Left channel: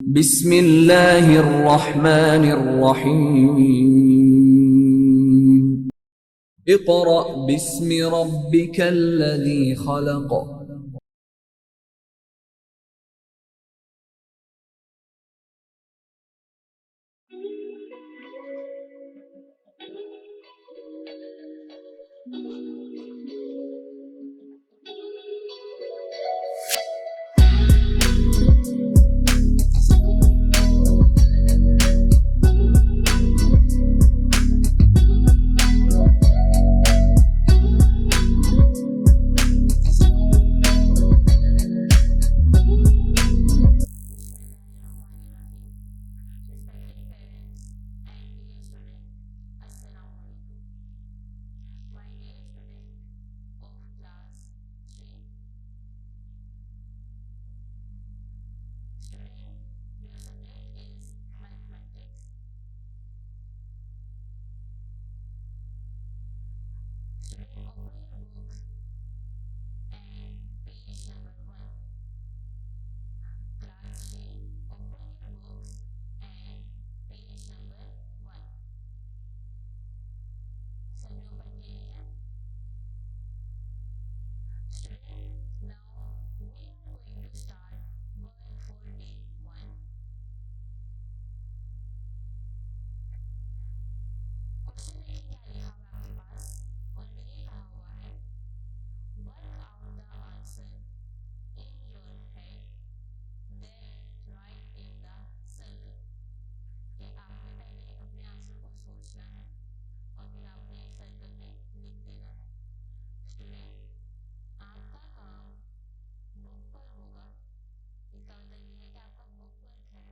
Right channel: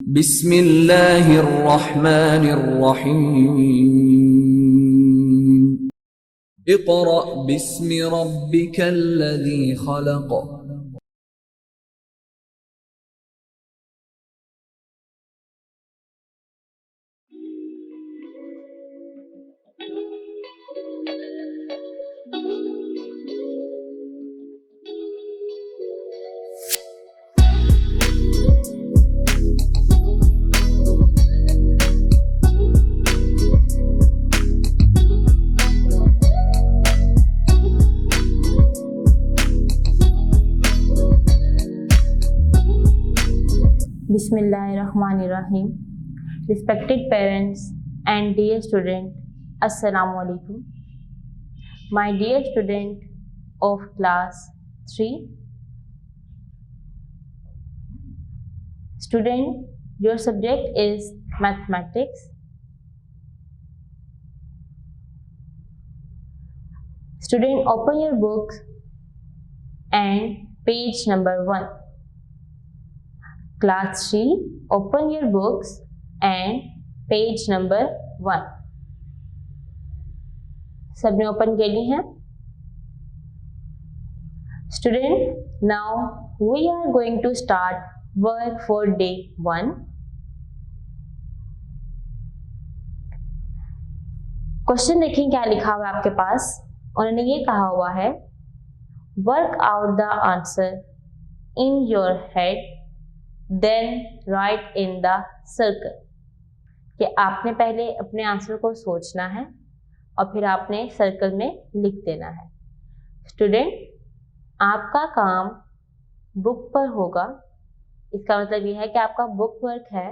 बिस्मिल्लाहिर्रहमानिर्रहीम। Iqra बिस्मि रब्बिकल्लज़ी खलक़। Bismillahirrahmanirrahim. Respected parents and dear student, Assalamu alaikum. My dear student of class 3. Student, your subject is mathematics. Student, open your book and page number 1. Class 3, open your books and page number 1. सबने open कर ली है? Student, now we are going to start work for day 1. Question देखें क्या लिखा हुआ है आपके पास। उन्होंने ये कहा हुआ है, work out the answer in your head then write in the circle. कि आपने पहले अपने आंसर को सोचना है और फिर आपने सर्कल में लिख देना है। स्टूडेंट, आपका काम बुक पर होगा। इसका मतलब यह है कि आपका बुक वर्क है।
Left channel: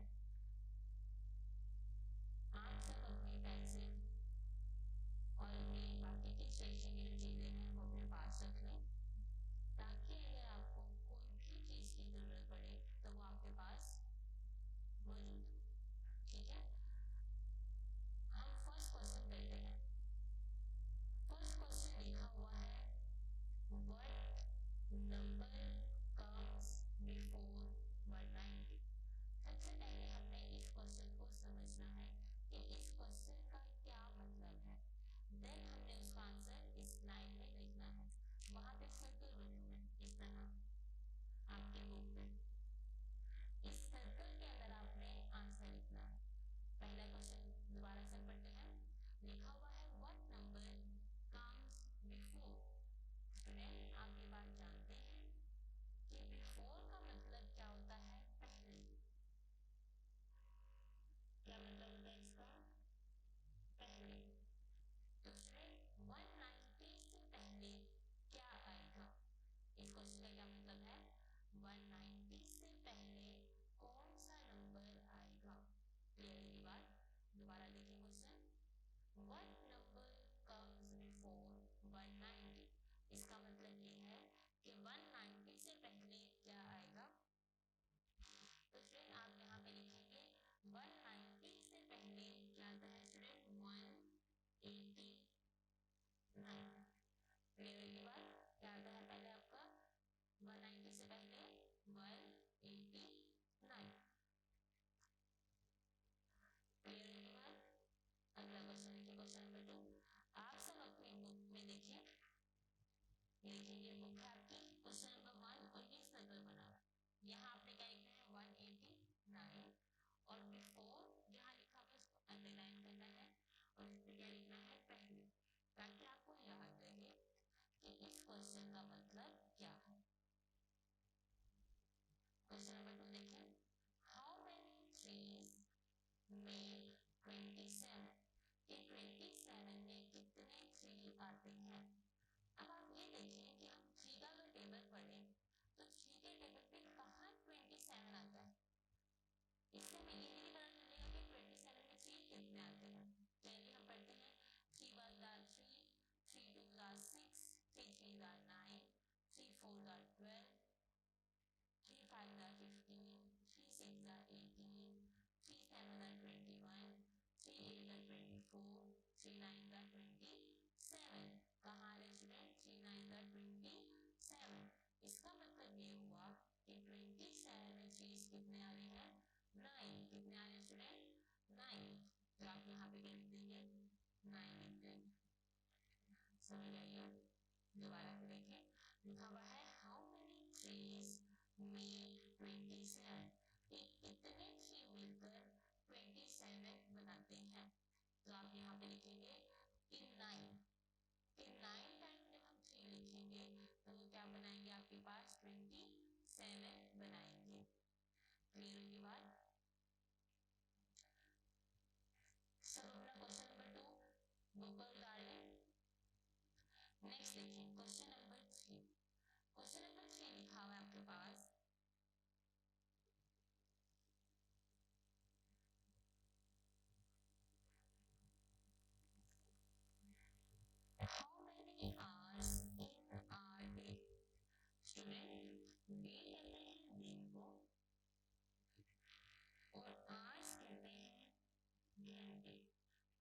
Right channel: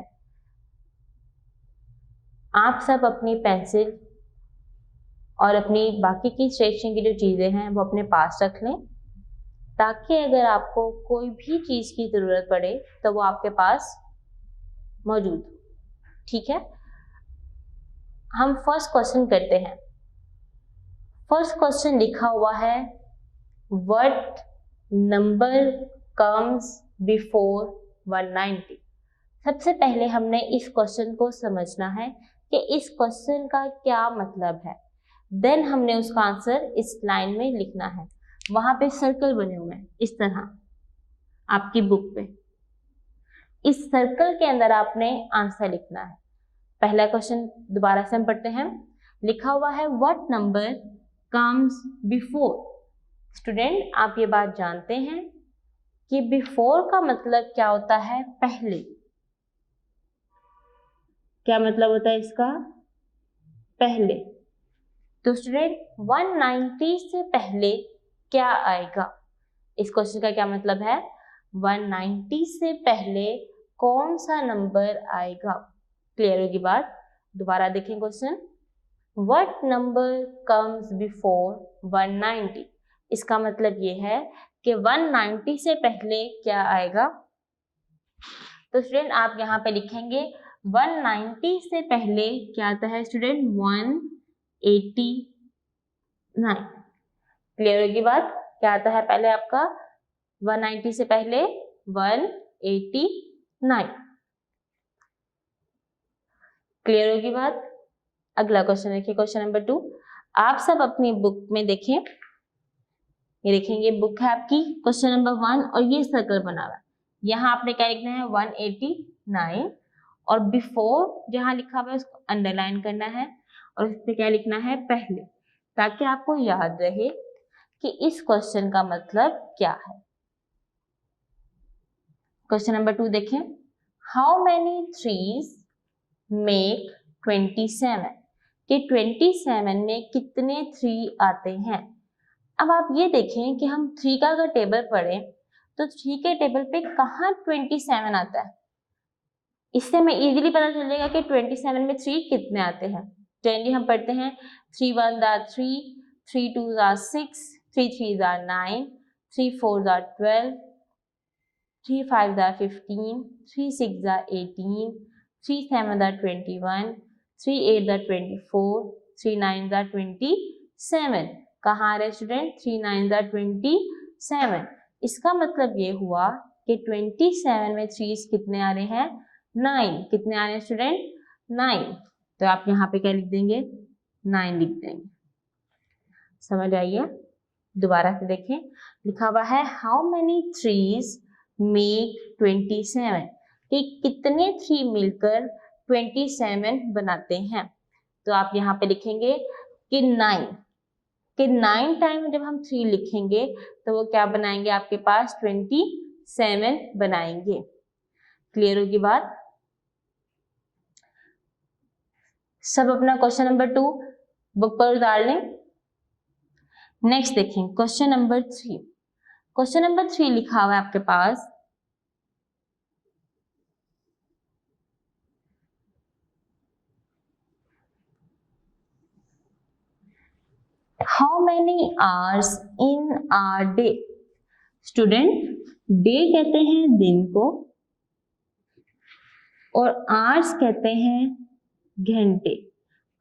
आप सब अपनी पेंसिल और अपनी बाकी की स्टेशनरी की जो चीज़ें हैं वो अपने पास रख लें, ताकि अगर आपको कोई भी चीज़ की ज़रूरत पड़े तो वो आपके पास मौजूद हो। ठीक है, हम फर्स्ट क्वेश्चन करते हैं। फर्स्ट क्वेश्चन लिखा हुआ है, व्हाट नंबर कम्स बिफोर 190। सबसे पहले हमने इस क्वेश्चन को समझना है कि इस क्वेश्चन का क्या मतलब है। देन हमने उसका आंसर इस लाइन में लिखना है। वहां पे सर्कल बने हुए हैं इस तरह आपकी बुक पे। इस सर्कल के अंदर आपने आंसर लिखना है। पहला क्वेश्चन दोबारा से हम पढ़ते हैं। लिखा हुआ है, what number comes before. Student, आप ये बात जानते हैं कि बिफोर का मतलब क्या होता है? पहले। क्या मतलब होता है इसका? पहले। तो स्टूडेंट, 190 से पहले क्या आएगा? इस क्वेश्चन का क्या मतलब है? 190 से पहले कौन सा नंबर आएगा? क्लियर होगी बात? दोबारा देखें question. What number comes before 190। इसका मतलब ये है कि 190 से पहले क्या आएगा। तो स्टूडेंट, आप यहाँ पे लिखेंगे 190 से पहले क्या आता है स्टूडेंट? 189। क्लियर होगी बात? क्या आता है पहले आपका? 190 से पहले 189। क्लियर होगी बात? अगला क्वेश्चन देखिए, क्वेश्चन नंबर 2। आप सब अपनी बुक में देखें, ये देखेंगे बुक है आपकी, क्वेश्चन नंबर 1 और ये सर्कल बना हुआ है। यहाँ आपने क्या लिखना है? 189 और बिफोर जहाँ लिखा हुआ है उसको अंडरलाइन करना है और इस पे क्या लिखना है? पहले, ताकि आपको याद रहे कि इस क्वेश्चन का मतलब क्या है। क्वेश्चन नंबर 2 देखें। How many threes make 27। कि 27 में कितने 3 आते हैं? अब आप ये देखें कि हम 3 का अगर टेबल पढ़ें तो 3 के टेबल पे कहाँ 27 आता है। इससे हमें इजीली पता चल जाएगा कि 27 में 3 कितने आते हैं। जनरली हम पढ़ते हैं 3 1 3, 3 2 6, 3 3 9, 3 4 12, 3 5 15, 3 6 18, 3 7 21, 3 8 24, 3 9 27। कहाँ आ रहे स्टूडेंट? 3 9 27। इसका मतलब ये हुआ कि 27 में 3 कितने आ रहे हैं? 9 कितने आ रहे हैं स्टूडेंट 9, तो आप यहाँ पे क्या लिख देंगे 9 लिख देंगे। समझ आइए, दोबारा से देखें, लिखा हुआ है हाउ मेनी ट्रीज मेक 27, कि कितने ट्री मिलकर 27 बनाते हैं। तो आप यहाँ पे लिखेंगे कि 9 टाइम जब हम 3 लिखेंगे तो वो क्या बनाएंगे आपके पास 27 बनाएंगे। क्लियर होगी बात। सब अपना क्वेश्चन नंबर 2 बुक पर उतार लें। नेक्स्ट देखें क्वेश्चन नंबर 3। क्वेश्चन नंबर 3 लिखा हुआ है आपके पास how many hours in our day. Student, day कहते हैं दिन को और आवर्स कहते हैं घंटे।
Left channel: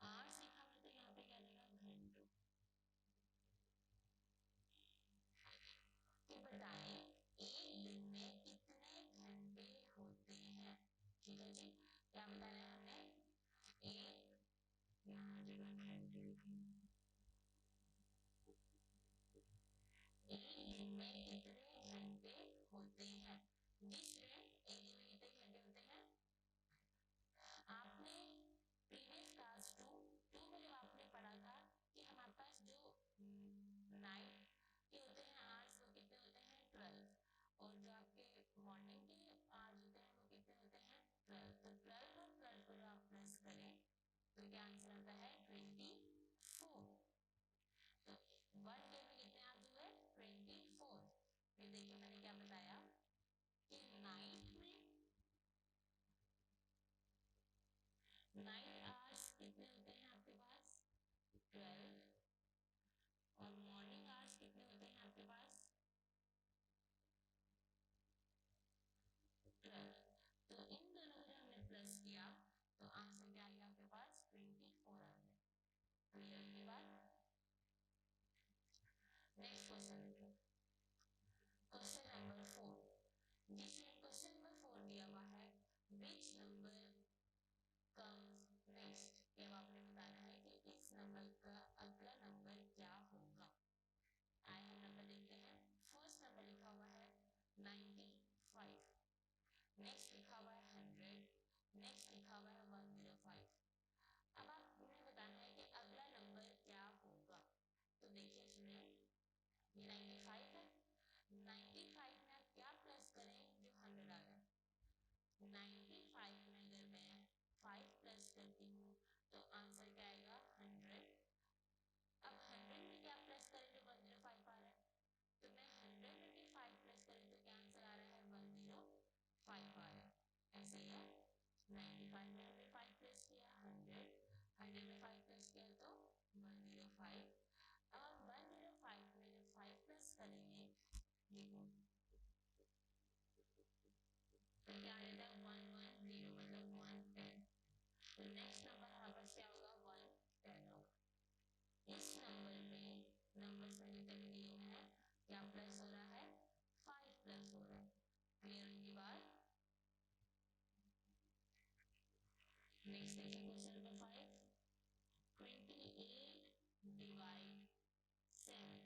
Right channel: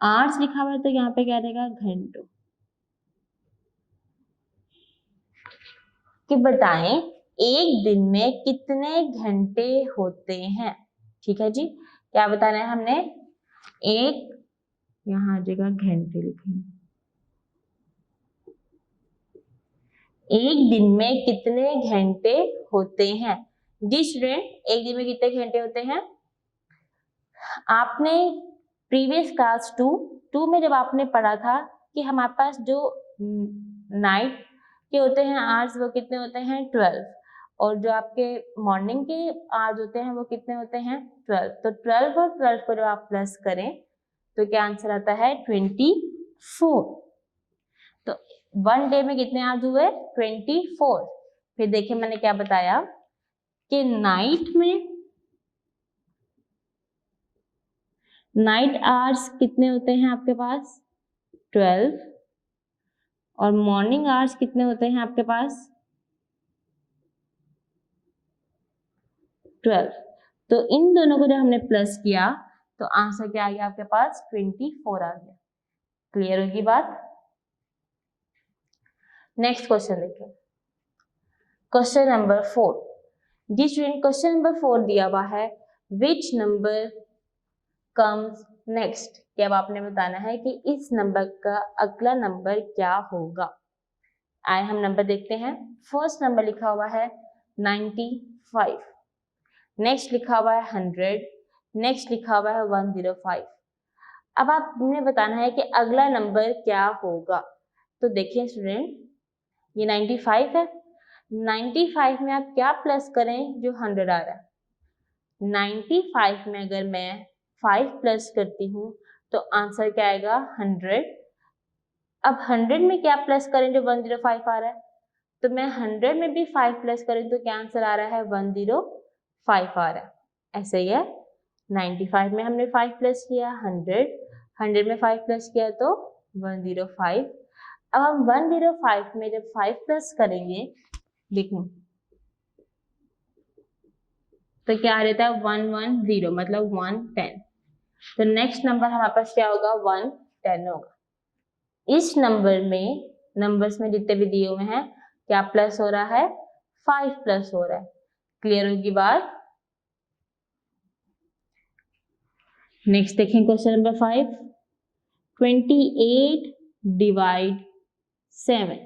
आवर्स लिखा हुआ है तो यहाँ पे क्या रहेगा घंटों। कि बताएं एक दिन में कितने घंटे होते हैं। ठीक है जी, क्या बताना है हमने, एक, यहाँ आ जाएगा घंटे लिखेंगे, एक दिन में कितने घंटे होते हैं। जी स्टूडेंट, एक दिन में कितने घंटे होते हैं। आपने प्रीवियस क्लास 2 में जब आपने पढ़ा था कि हमारे पास जो नाइट के होते हैं आवर्स वो कितने होते हैं 12, और जो आपके मॉर्निंग के आवर्स होते हैं वो कितने होते हैं 12। तो 12 और 12 को जब आप प्लस करें तो क्या आंसर आता है 24। तो 1 डे में कितने आवर्स हुए 24। फिर देखिए मैंने क्या बताया कि नाइट आवर्स कितने होते हैं आपके पास 12, और मॉर्निंग आवर्स कितने होते हैं आपके पास 12। तो इन दोनों को जब हमने प्लस किया तो आंसर क्या आ गया आपके पास 24 आ गया। क्लियर होगी बात। नेक्स्ट क्वेश्चन देखिए, क्वेश्चन नंबर 4। जी स्टूडेंट, क्वेश्चन नंबर 4 दिया हुआ है विच नंबर कम्स नेक्स्ट, कि अब आपने बताना है कि इस नंबर का अगला नंबर क्या होगा। आए हम नंबर देखते हैं। फर्स्ट नंबर लिखा हुआ है 95, नेक्स्ट लिखा हुआ है 100, नेक्स्ट लिखा हुआ है 105। अब आपने बताना है कि अगला नंबर क्या होगा। तो देखिए स्टूडेंट, ये 95 है, 95 में आप क्या प्लस करें जो 100 आ रहा है। 95 में अगर मैं 5 प्लस करती हूँ तो आंसर क्या आएगा 100। अब 100 में क्या प्लस करें जो 105 आ रहा है, तो मैं 100 में भी 5 प्लस करें तो क्या आंसर आ रहा है 105 आ रहा है। ऐसे ही है, 95 में हमने 5 प्लस किया 100 में 5 प्लस किया तो 105। अब हम 105 में जब 5 प्लस करेंगे देखो तो क्या रहता है 110, मतलब 110। तो नेक्स्ट नंबर हमारे पास क्या होगा 110 होगा। इस नंबर में नंबर्स में जितने भी दिए हुए हैं क्या प्लस हो रहा है 5 प्लस हो रहा है। क्लियर होगी बात। नेक्स्ट देखें क्वेश्चन नंबर 5। 28 डिवाइड 7,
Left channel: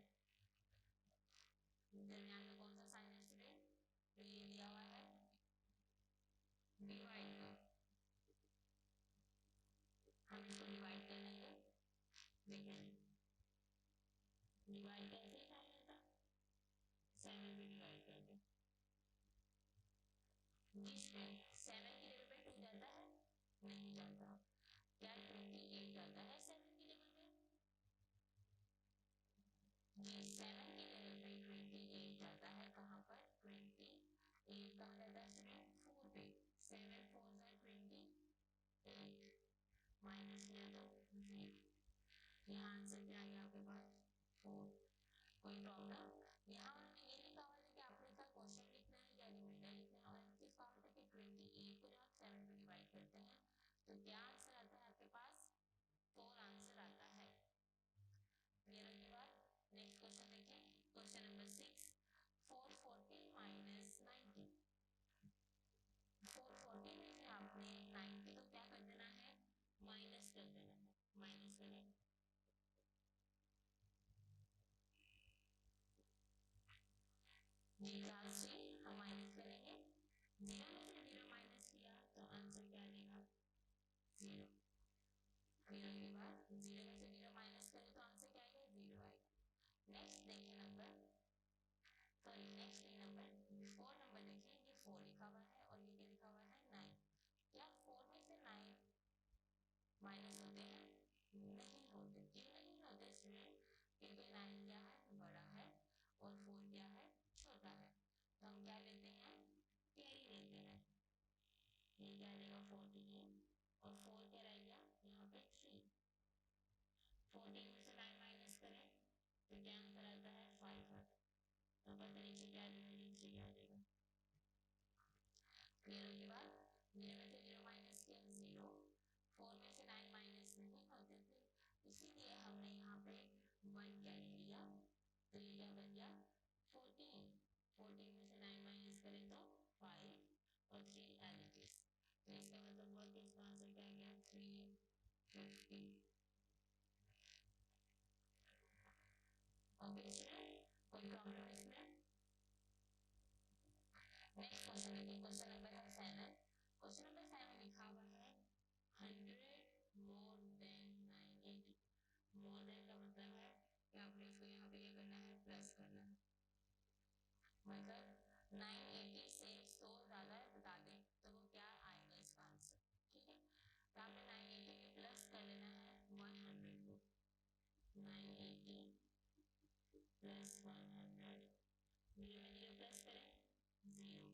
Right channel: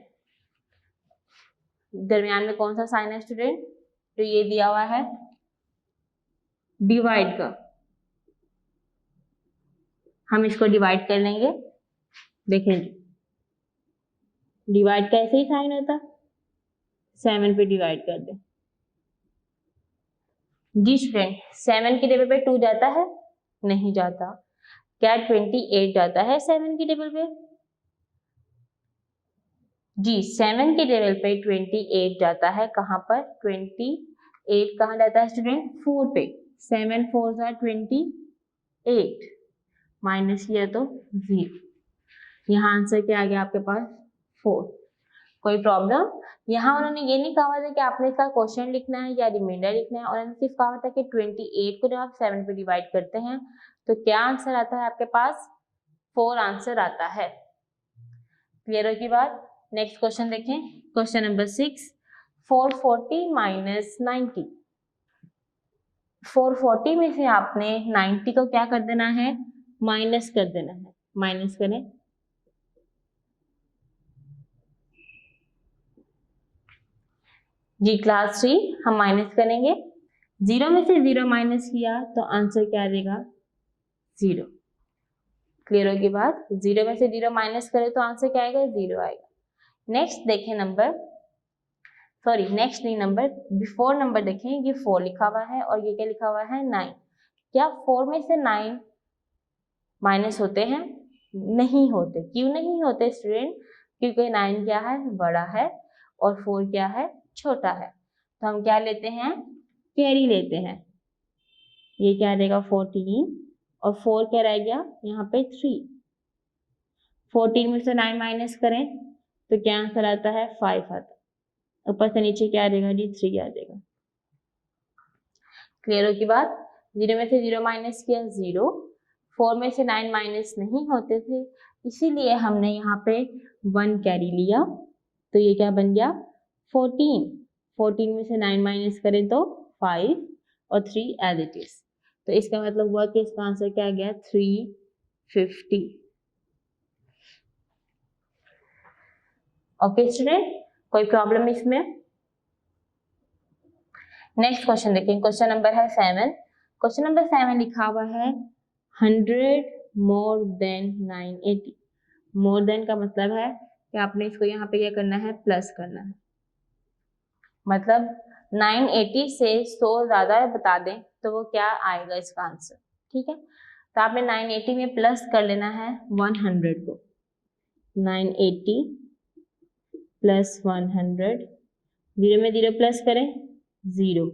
दरमियान में कौन सा साइन है स्टूडेंट, तो ये दिया हुआ है डिवाइड का, हम इसको डिवाइड कर लेंगे। देखें डिवाइड का ऐसे ही साइन होता, 7 पे डिवाइड कर दे। जी स्टूडेंट, 7 की टेबल पे 2 जाता है, नहीं जाता। क्या 28 जाता है 7 की टेबल पे, जी 7 की टेबल पे 28 जाता है। कहाँ पर 28 कहाँ जाता है स्टूडेंट 4 पे, 7 4 are 28, माइनस किया तो 0। यहाँ आंसर क्या आ गया आपके पास 4। कोई प्रॉब्लम, यहाँ उन्होंने ये नहीं कहा था कि आपने इसका क्वेश्चन लिखना है या रिमाइंडर लिखना है, उन्होंने सिर्फ कहा था कि 28 को जब आप 7 पे डिवाइड करते हैं तो क्या आंसर आता है आपके पास 4 आंसर आता है। क्लियर होगी बात। नेक्स्ट क्वेश्चन देखें, क्वेश्चन नंबर 6। 440 माइनस 90, 440 में से आपने 90 को क्या कर देना है, माइनस कर देना है। माइनस करें, जी क्लास 3 हम माइनस करेंगे। 0 में से 0 माइनस किया तो आंसर क्या देगा, 0। क्लियर होगी बात। 0 में से 0 माइनस करें तो आंसर क्या आएगा, 0 आएगा। नेक्स्ट देखें नंबर, सॉरी नेक्स्ट नहीं, नंबर बिफोर नंबर देखें, ये 4 लिखा हुआ है और ये क्या लिखा हुआ है, 9। क्या 4 में से 9 माइनस होते हैं, नहीं होते। क्यों नहीं होते स्टूडेंट, क्योंकि 9 क्या है, बड़ा है और 4 क्या है, छोटा है। तो हम क्या लेते हैं, कैरी लेते हैं। ये क्या देगा 14 और 4 क्या रह गया यहाँ पे 3। 14 में से 9 माइनस करें तो क्या आंसर आता है, 5 आता है। ऊपर से नीचे क्या आ जाएगा जी, 3 आ जाएगा। क्लियर हो की बात। 0 में से 0 माइनस किया 0, 4 में से 9 माइनस नहीं होते थे, इसीलिए हमने यहाँ पे 1 कैरी लिया। तो ये क्या बन गया 14। 14 में से 9 माइनस करें तो 5 और 3 एज इट इज। तो इसका मतलब हुआ कि इसका आंसर क्या गया 350। ओके स्टूडेंट, कोई प्रॉब्लम इसमें। नेक्स्ट क्वेश्चन देखिए, क्वेश्चन नंबर है 7। क्वेश्चन नंबर 7 लिखा हुआ है 100 मोर देन 980। मोर देन का मतलब है कि आपने इसको यहाँ पे क्या करना है, प्लस करना है। मतलब 980 से 100 ज्यादा बता दें तो वो क्या आएगा इसका आंसर, ठीक है। तो आपने 980 में प्लस कर लेना है 100 को। 980 प्लस 100, 0 में 0 प्लस करें 0,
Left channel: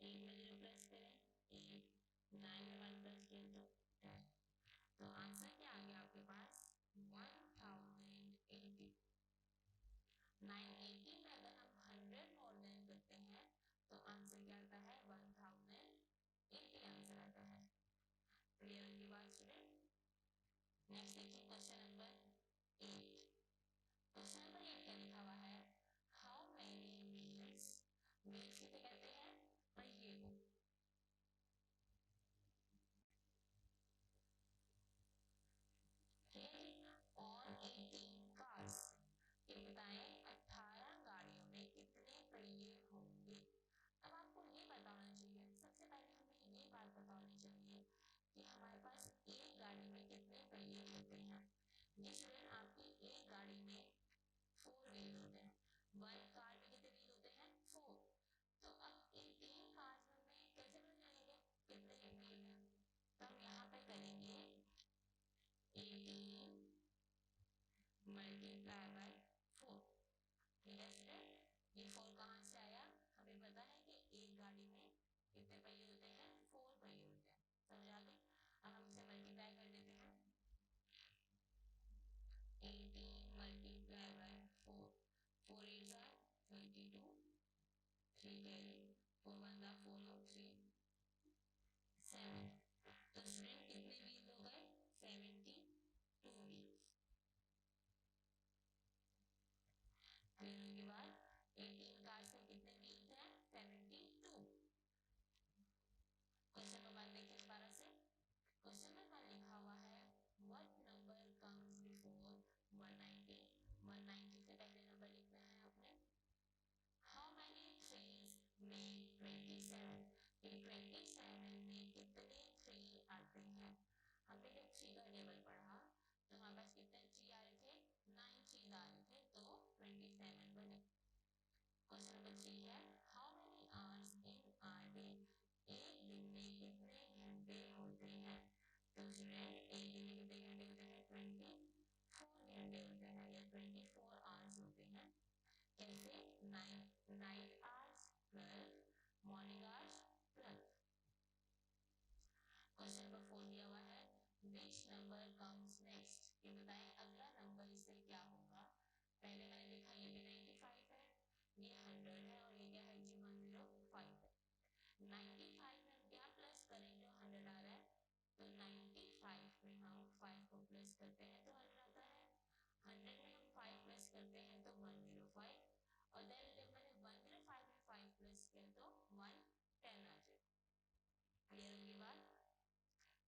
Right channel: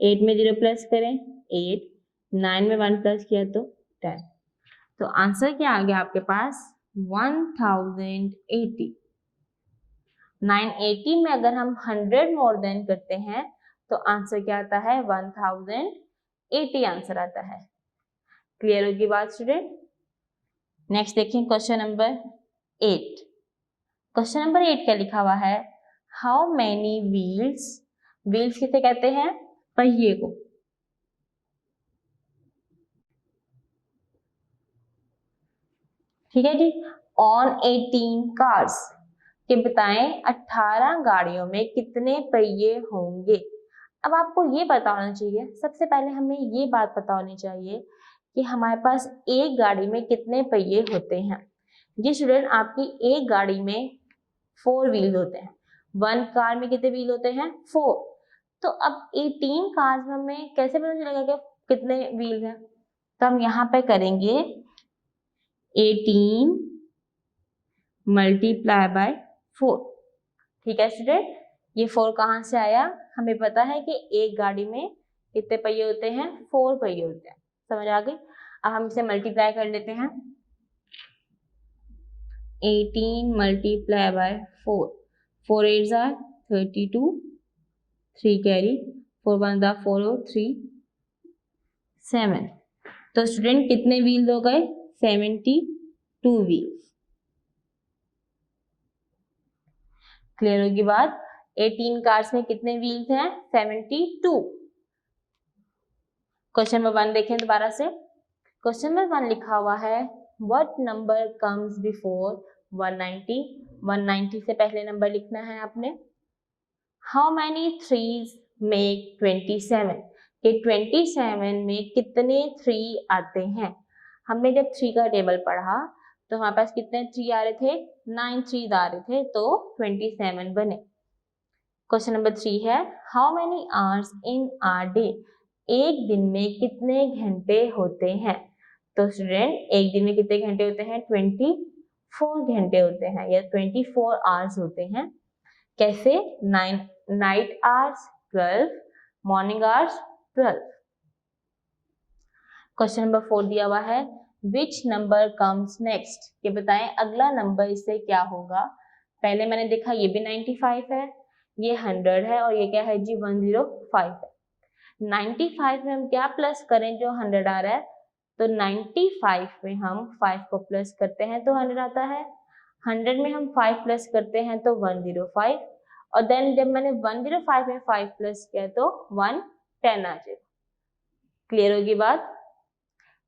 8 में 0 प्लस करें 8, 9 में 1 प्लस किया तो 10। तो आंसर क्या आ गया आपके पास 1080। 980 में अगर हम 100 मोर देन करते हैं तो आंसर क्या आता है 1080 आंसर आता है। क्लियर होगी बात स्टूडेंट। नेक्स्ट देखिए क्वेश्चन नंबर 8। क्वेश्चन नंबर 8 क्या लिखा हुआ है, हाउ मैनी व्हील्स, व्हील्स किसे कहते हैं, पहिए को। ठीक है जी, ऑन 18 कार्स, कि बताएं 18 गाड़ियों में कितने पहिए होंगे। अब आपको ये पता होना चाहिए, सबसे पहले हमें ये बात पता होनी चाहिए कि हमारे पास एक गाड़ी में कितने पहिए होते हैं। ये स्टूडेंट आपकी एक गाड़ी में 4 व्हील होते हैं। 1 कार में कितने व्हील होते हैं, 4। तो अब 18 कार्स में हमें कैसे पता चलेगा कि कितने व्हील हैं। तो हम यहाँ पे करेंगे 18 मल्टीप्लाई बाय 4। ठीक है स्टूडेंट, ये 4 कहाँ से आया, हमें पता है कि एक गाड़ी में कितने पहिए होते हैं, 4 पहिए होते हैं। समझ आ गई। अब हम इसे मल्टीप्लाई कर लेते हैं, 18 multiply by 4, 4 8 are 32, 3 carry, 4 1 are 4 और 3 7। तो स्टूडेंट कितने व्हील हो गए, 72 व्हील। क्लियर होगी बात। 18 कार्स में कितने व्हील्स हैं, 72। क्वेश्चन नंबर 1 देखें दोबारा से। क्वेश्चन नंबर 1 लिखा हुआ है व्हाट नंबर कम्स बिफोर 190। 190 से पहले नंबर लिखना है आपने। हाउ मैनी थ्रीज मेक 27, कि 27 में कितने 3 आते हैं। हमने जब 3 का टेबल पढ़ा तो हमारे पास कितने 3 आ रहे थे, 9 3 आ रहे थे, तो 27 बने। क्वेश्चन नंबर 3 है how many hours in are day, एक दिन में कितने घंटे होते हैं। तो स्टूडेंट एक दिन में कितने घंटे होते हैं, 24 घंटे होते हैं या 24 आवर्स होते हैं। कैसे, 9 night hours 12, morning hours 12। Question number 4 दिया हुआ है विच नंबर कम्स नेक्स्ट, कि बताएं अगला नंबर इससे क्या होगा। पहले मैंने देखा ये भी 95 है, ये 100 है और ये क्या है जी 105 है। 95 में हम क्या प्लस करें जो 100 आ रहा है, तो 95 में हम 5 को प्लस करते हैं तो 100 आता है। 100 में हम 5 प्लस करते हैं तो 105, और देन जब मैंने 105 में 5 प्लस किया तो 110 आ जाएगा। क्लियर होगी बात।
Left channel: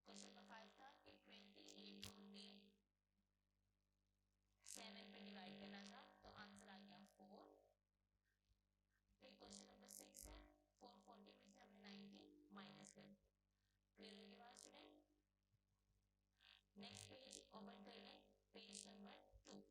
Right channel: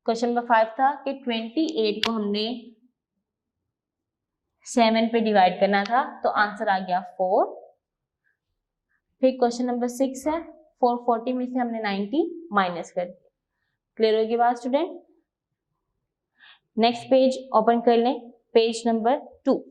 क्वेश्चन नंबर 5 था कि 28 को हमने 7 पे डिवाइड करना था, तो आंसर आ गया 4। फिर क्वेश्चन नंबर 6 है, 440 में से हमने 90 माइनस कर दिया। क्लियर होगी बात स्टूडेंट। नेक्स्ट पेज ओपन कर लें, page number 2।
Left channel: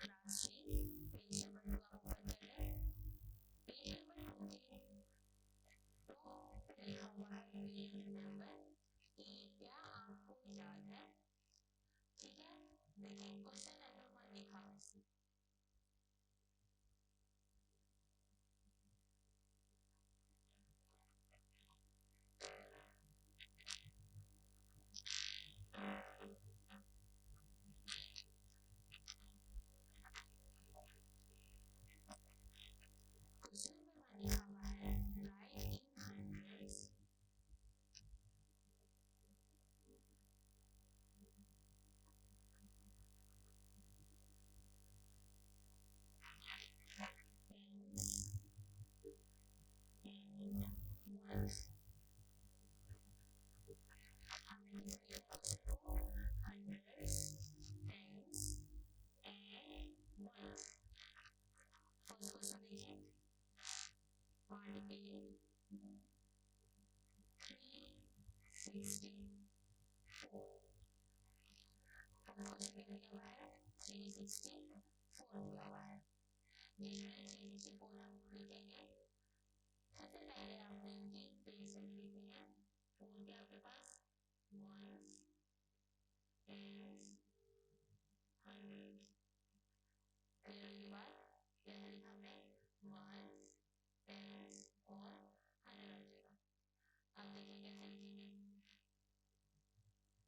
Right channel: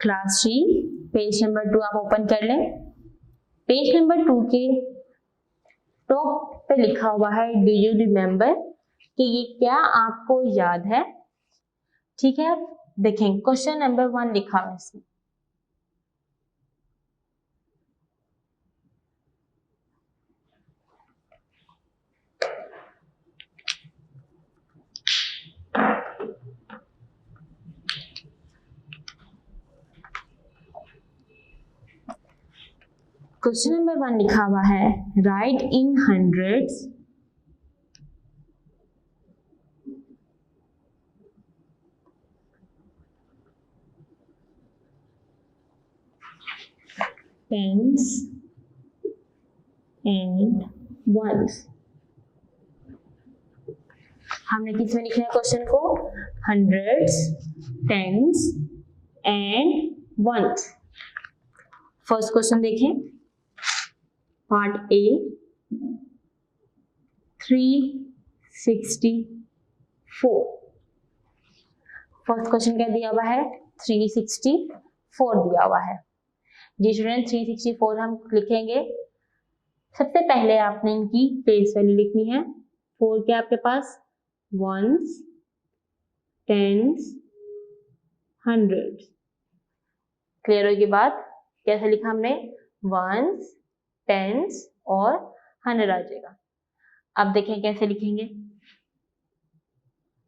Class 3 page number 2 आप ओपन कर लें। पेज नंबर 2 के टॉप पे लिखा हुआ है डू यू रिमेम्बर, कि ये क्या आपको याद है। ठीक है, देखें क्वेश्चन नंबर 1 लिखा हुआ है इसमें। क्वेश्चन नंबर 1 लिखा हुआ है write in hundreds tens and ones. हमने किस में लिखा है क्वेश्चन को? Hundreds, tens and ones. First question देखें, पार्ट ए 364। फर्स्ट क्वेश्चन क्या दिया हुआ है? 364 दिया हुआ है। जी स्टूडेंट, 364 हम लिखेंगे। सबसे पहले आपने इनकी प्लेस वैल्यू लिखनी है। 4 के आपके पास वंस, टेंस, हंड्रेड्स। क्लियर होगी बात? कैसे लिखा हमने? वंस, टेंस और 100 आ जाएगा। अब देखें कैसे लिखेंगे।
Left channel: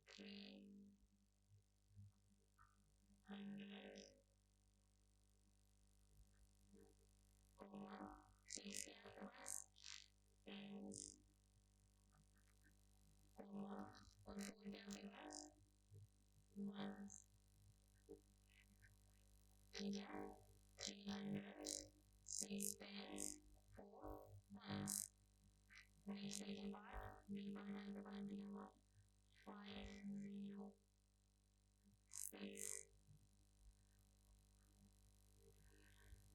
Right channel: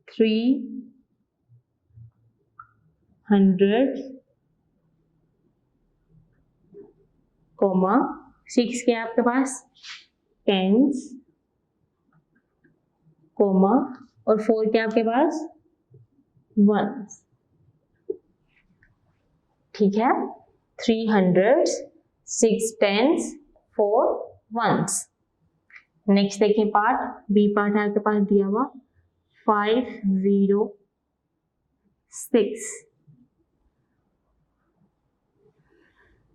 300 कॉमा 6 के आपके पास टेंस कॉमा और 4 के आपके पास वंस। ठीक है, 300, 6 टेंस, 4 वंस। नेक्स्ट देखिए पार्ट बी। पार्ट है आपके पास दिया हुआ 506।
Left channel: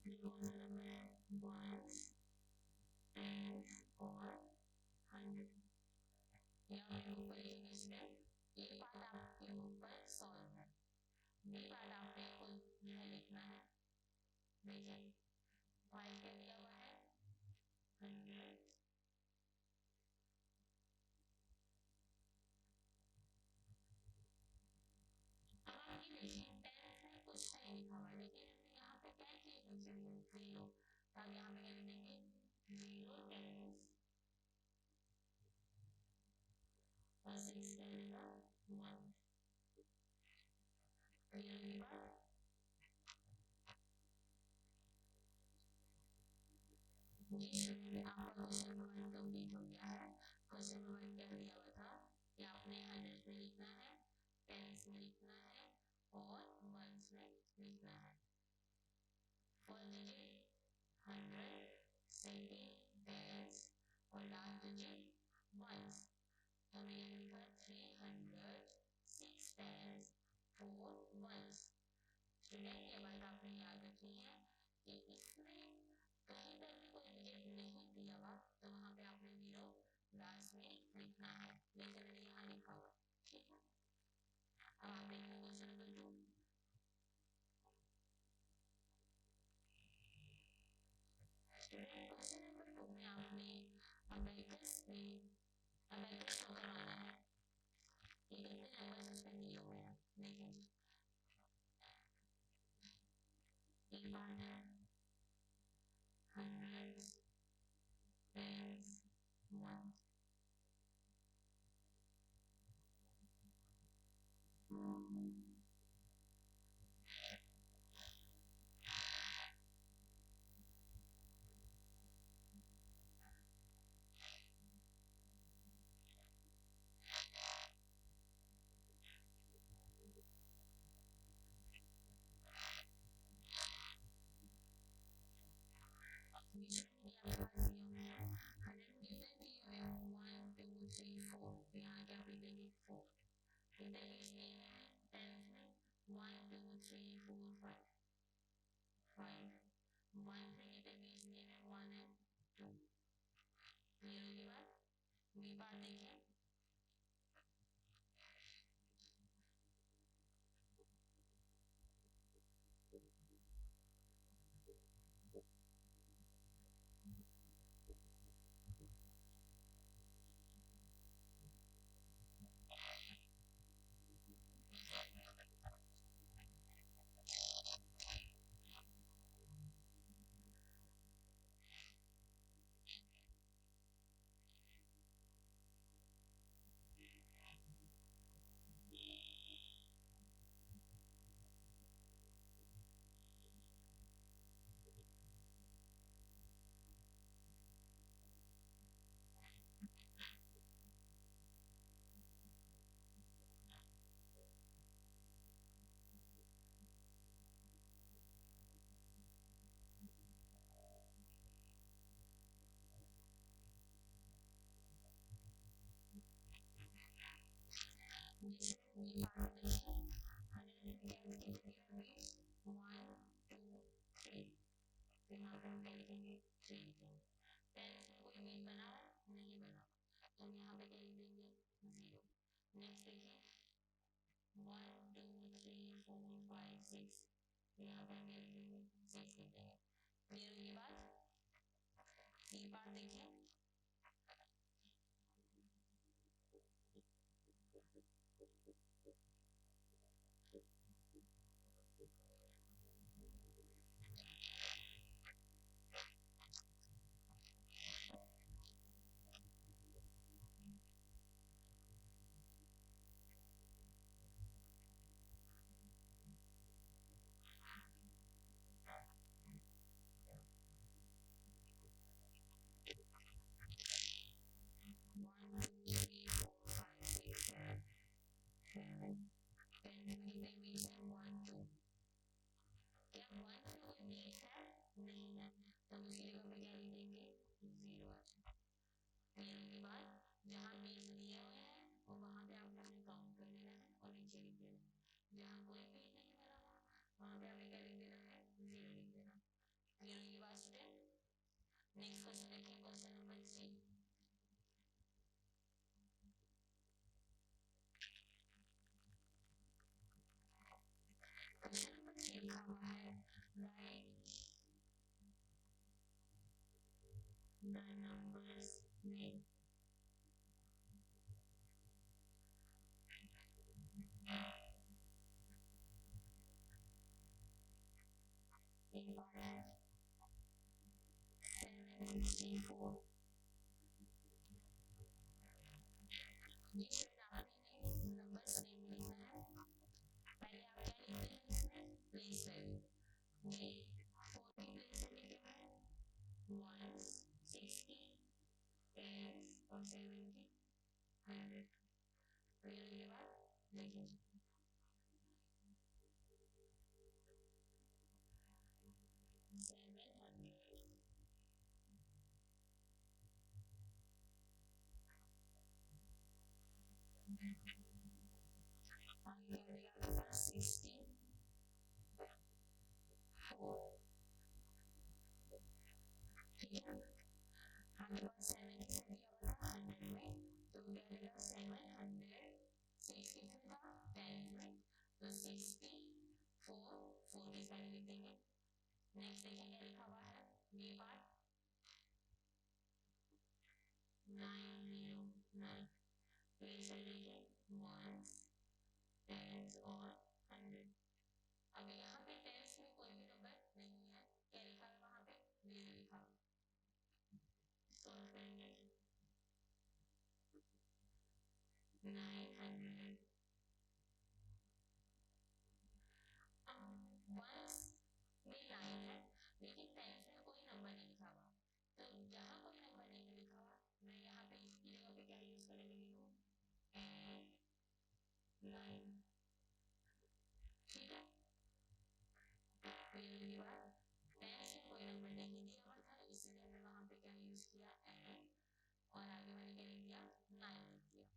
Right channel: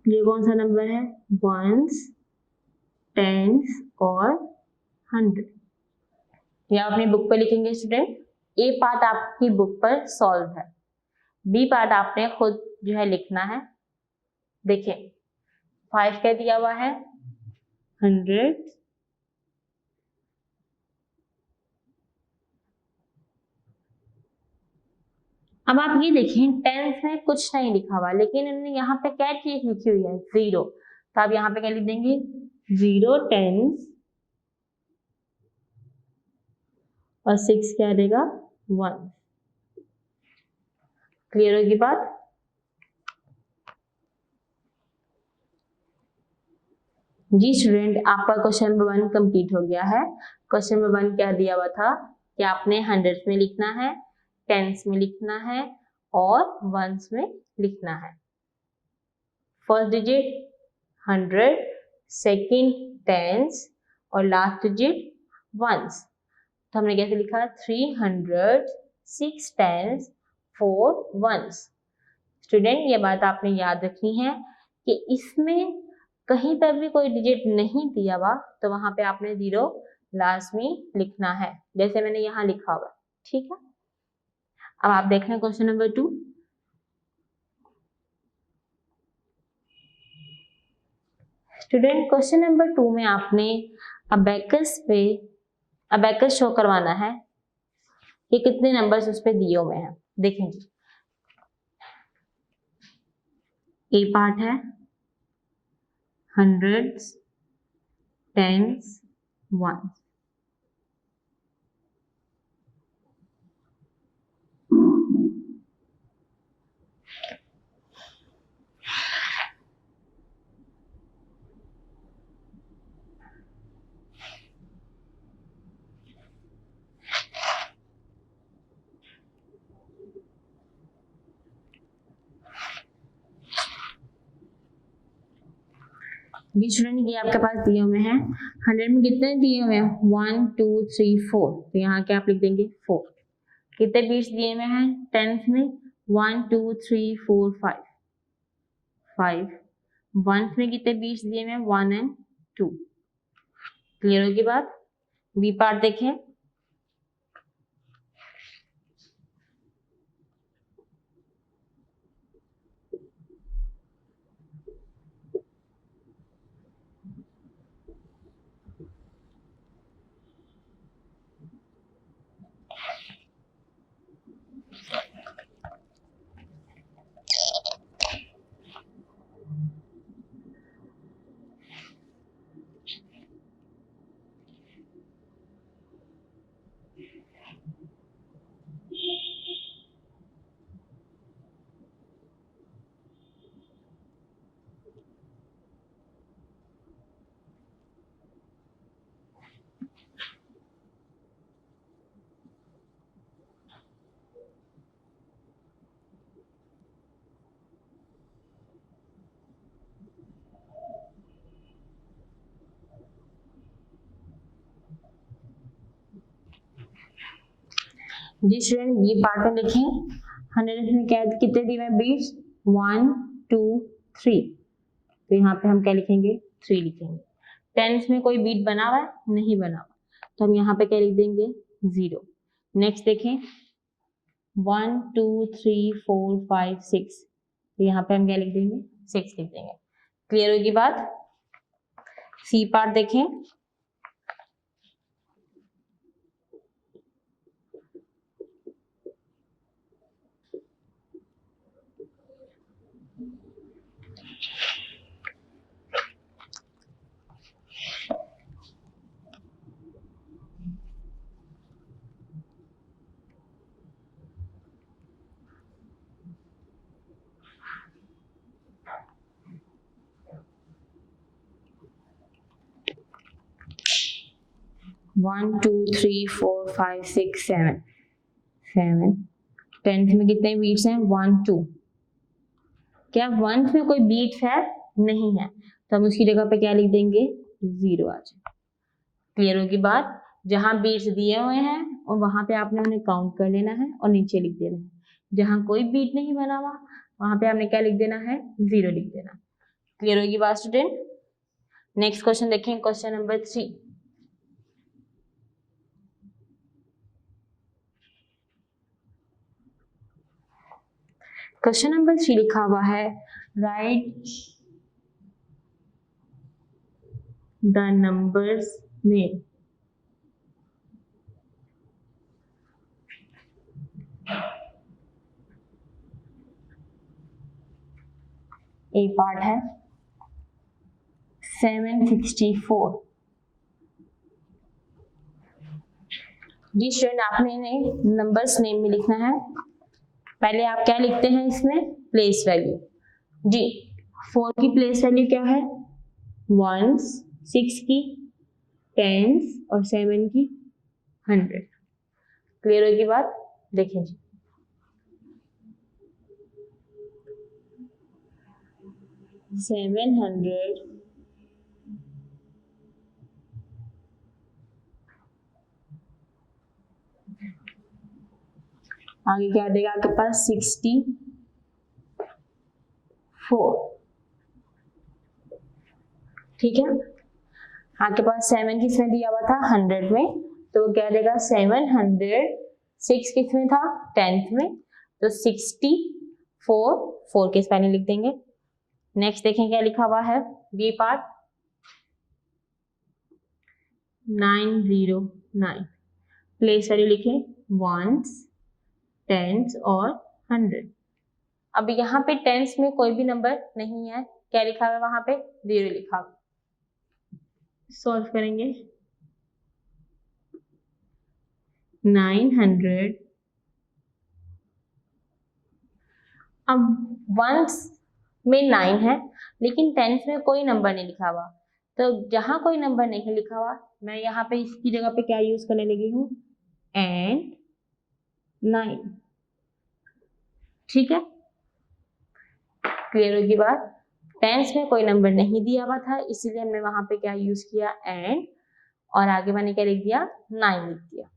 ये कौन सा नंबर है? वंस, टेंस और 100। या अपनी बुक पर लिखेंगे स्टूडेंट। ए पार्ट आपकी बुक पर सॉल्व है, बी पार्ट आपने खुद जो है लिखना है। देखिए 5 क्या दिया हुआ है? 100, अब आप ये देखें टेंस में कुछ नहीं लिखा हुआ, लेकिन इन्होंने यहाँ पे क्या चीज लिखी हुई है? 0। तो आप यहाँ पे क्या लिख देंगे? 0 टेंस और 6 क्या देगा? 1। क्लियर होगी बात? जी स्टूडेंट, आपका क्वेश्चन नंबर 1 कंप्लीट हो गया है। क्वेश्चन नंबर 1 क्या दिया हुआ था कि आपने हंड्रेड्स में लिखना है, टेंस में लिखना है और वंस में लिखना है। फर्स्ट डिजिट 100, सेकंड टेंस और लास्ट डिजिट वंस। तो हमने कैसे लिखा? 300, 6 टेंस, 4 वंस। स्टूडेंट, ये बात आपने याद रखनी है कि इसमें कहीं पर भी कोई डिजिट नहीं दिया हुआ तो वहां पे आपने 0 लास्ट में लिखना है, जैसे मैंने यहाँ लिखा हुआ। ठीक है, अब आप देख लें question number 2। Student question number 2 में आपने अबेकस शो करवाना है कि कितने नंबर्स उस पे दिए हुए हैं। देखें जी, ए पार्ट है hundreds, tens, one. B student ये आपके पास दिए हुए हैं। 100 में कितने दिए हुए हैं? 1 2 3 4। तो यहाँ क्या आप लिख देंगे 4। कितने बीट्स दिए हुए हैं? टेंथ में 1 2 3 4 5 5। वंथ में कितने बीट्स दिए हुए हैं? 1 एंड 2। क्लियर होगी बात? बी पार्ट देखें। जी स्टूडेंट बी पार्ट में देखें। 100 में क्या कितने दिए हुए हैं बीट्स? 1 2 3। तो यहाँ पे हम क्या लिखेंगे? 3 लिखेंगे। टेंस में कोई बीट बना हुआ है? नहीं बना हुआ, तो हम यहाँ पे क्या लिख देंगे? 0। नेक्स्ट देखें 1 2 3 4 5 6। तो यहाँ पे हम क्या लिख देंगे? 6 लिख देंगे। क्लियर होगी बात? सी पार्ट देखें। One two three four five six seven. 7। Tenth में कितने बीट्स हैं? 1 2। क्या वंथ में कोई बीट्स है? नहीं है, तो हम उसकी जगह पे क्या लिख देंगे? 0 आ जाए। क्लियर होगी बात? जहां बीट्स दिए हुए हैं और वहां पे आपने उन्हें काउंट कर लेना है और नीचे लिख देना है। जहां कोई बीट नहीं बना हुआ वहां पे आपने क्या लिख देना है? 0 लिख देना। क्लियर होगी बात स्टूडेंट? नेक्स्ट क्वेश्चन देखें, क्वेश्चन नंबर 3। क्वेश्चन नंबर 3 लिखा हुआ है राइट द नंबर्स में ए पार्ट है 764। जी स्टूडेंट आपने इन्हें नंबर्स नेम में लिखना है। पहले आप क्या लिखते हैं इसमें? Place value. जी 4 की प्लेस वैल्यू क्या है? 1s, 6 की 10s और 7 की 100। क्लियर होगी बात? देखें जी, सेवन हंड्रेड आगे क्या देगा आपके पास? 64। ठीक है, आपके पास 7 किसमें दिया हुआ था? 100 में, तो क्या देगा? 700। 6 किसमें था? 10th में, तो 64 4 के स्पेलिंग लिख देंगे। नेक्स्ट देखें क्या लिखा हुआ है? B part 909। प्लेस वैल्यू लिखे वंस, टेंस और 100। अब यहाँ पे टेंस में कोई भी नंबर नहीं है, क्या लिखा हुआ है वहां पे? 0 लिखा हुआ। सॉल्व करेंगे 900। अब वंस में 9 है लेकिन टेंस में कोई नंबर नहीं लिखा हुआ, तो जहां कोई नंबर नहीं लिखा हुआ मैं यहाँ पे इसकी जगह पे क्या यूज करने लगी हूँ? एंड 9। ठीक है, क्लियर होगी बात? टेंस में कोई नंबर नहीं दिया हुआ था इसीलिए हमने वहां पे क्या यूज किया? एंड, और आगे मैंने क्या लिख दिया? 9 लिख दिया।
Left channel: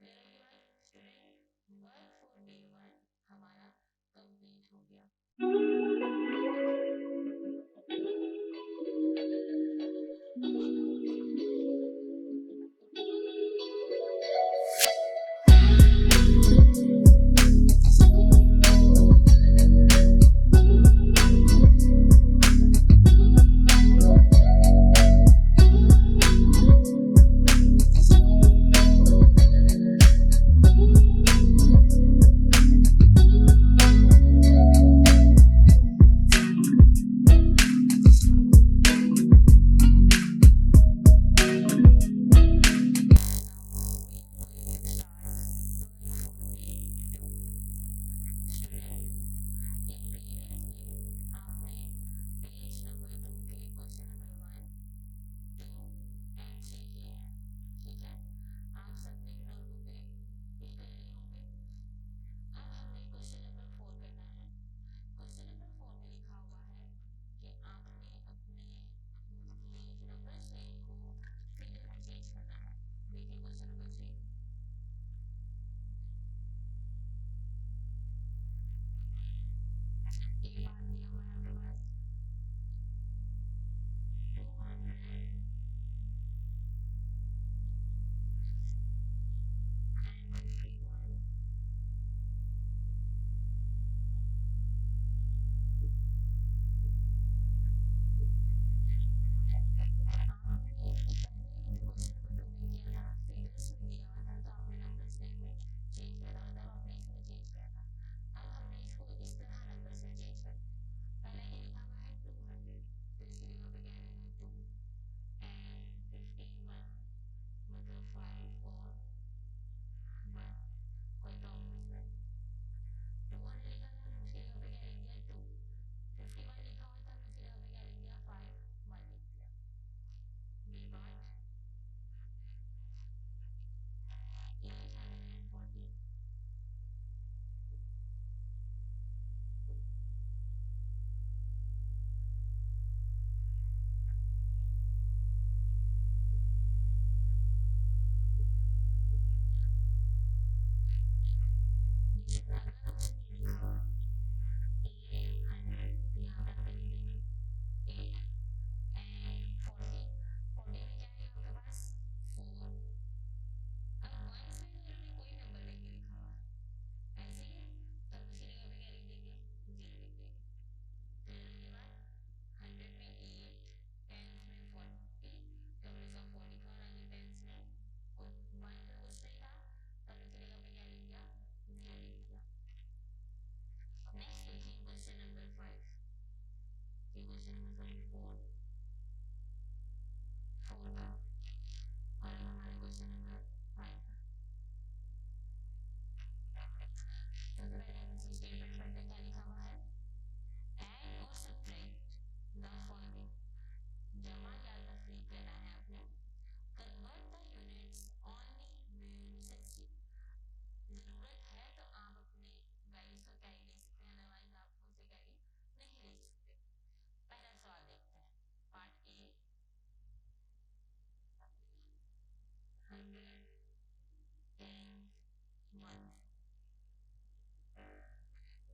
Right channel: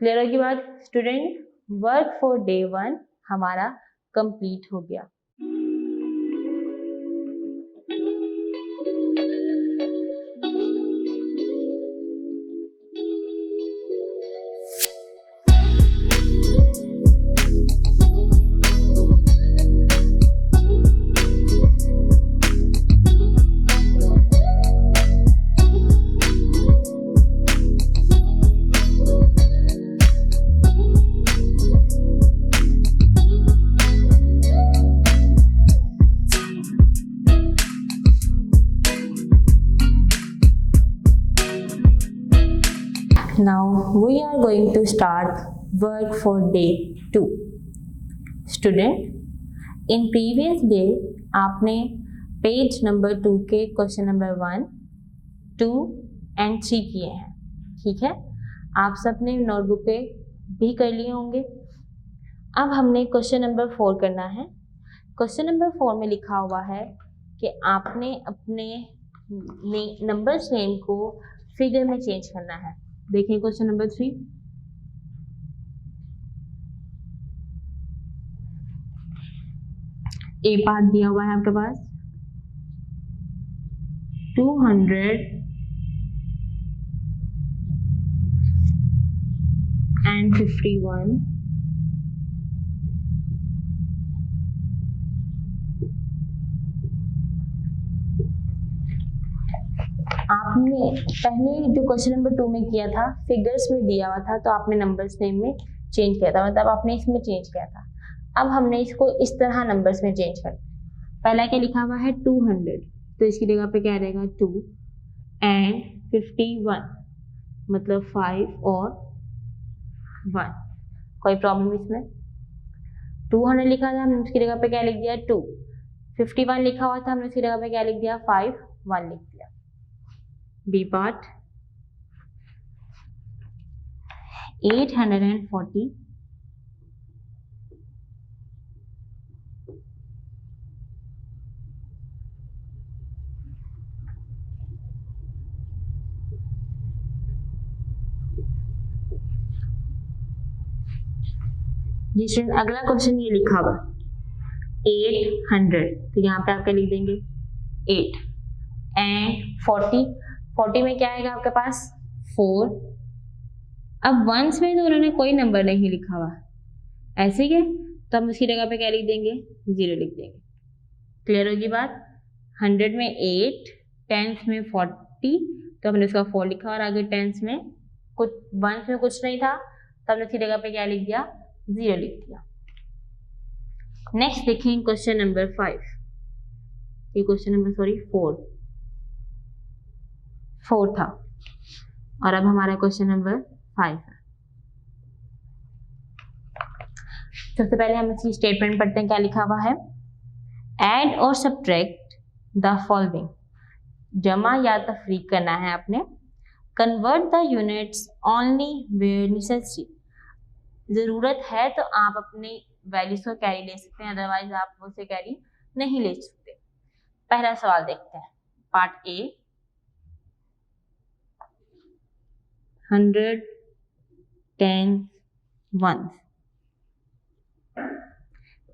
क्लियर होगी बात स्टूडेंट? वर्क फॉर डे 1 हमारा कंप्लीट हो गया। Now we are going to start work for day 2. Student, in previous day आपने पेज नंबर 2 के क्वेश्चन नंबर 1, 2 एंड 3 किए हैं। ठीक है, आप सबने नोटबुक पे भी कर लिए होंगे। अब हमने क्वेश्चन नंबर 4 करना है। क्वेश्चन नंबर 4 में लिखा हुआ है कि आपने अपने नंबर्स नेम को फिगर में चेंज करना है। देखें क्वेश्चन नंबर 3। ए पार्ट दिया हुआ है आपके पास 251। आपने पहले जो क्वेश्चन नंबर 2 में किया था फिगर्स में दिया हुआ था, तो आपने नंबर्स नेम में चेंज किया था, मतलब आपने इसमें चेंज किया था। अब हमने इसको इस तरह नंबर्स में चेंज कर, पहला क्या लिखा हुआ है 200, तो इसकी जगह पे क्या रहेगा 2 एंड 51, मतलब 5 और 1। कोई प्रॉब्लम इसमें? 200 लिखा था हमने उसकी जगह पे क्या लिख दिया 2, 51 लिखा हुआ था हमने उसकी जगह पे क्या लिख दिया 5, 1 लिख दिया। बी पार्ट 840 जी स्टूडेंट, अगला क्वेश्चन ये लिखा हुआ 800, तो यहाँ पे आप क्या लिख देंगे 8 एंड 40 में क्या आएगा आपके पास 4। अब वंस में तो उन्होंने कोई नंबर नहीं लिखा हुआ ऐसे ही है, तो हम उसकी जगह पे क्या लिख देंगे 0 लिख देंगे। क्लियर होगी बात? 100 में 8, टेंस में 40, तो हमने उसका 4 लिखा और आगे टेंस में कुछ वंस में कुछ नहीं था तो हमने उसकी जगह पे क्या लिख दिया 0 लिख दिया। नेक्स्ट देखें क्वेश्चन नंबर 5, ये क्वेश्चन नंबर 4 था और अब हमारा क्वेश्चन नंबर 5 है। सबसे पहले हम इसकी स्टेटमेंट पढ़ते हैं, क्या लिखा हुआ है? ऐड और सब्ट्रैक्ट द फॉलोइंग, जमा या तफरीक करना है आपने। Convert the units only where necessary, जरूरत है तो आप अपनी वैल्यूज को कैरी ले सकते हैं, अदरवाइज आप उसे कैरी नहीं ले सकते। पहला सवाल देखते हैं, पार्ट ए 100 10 1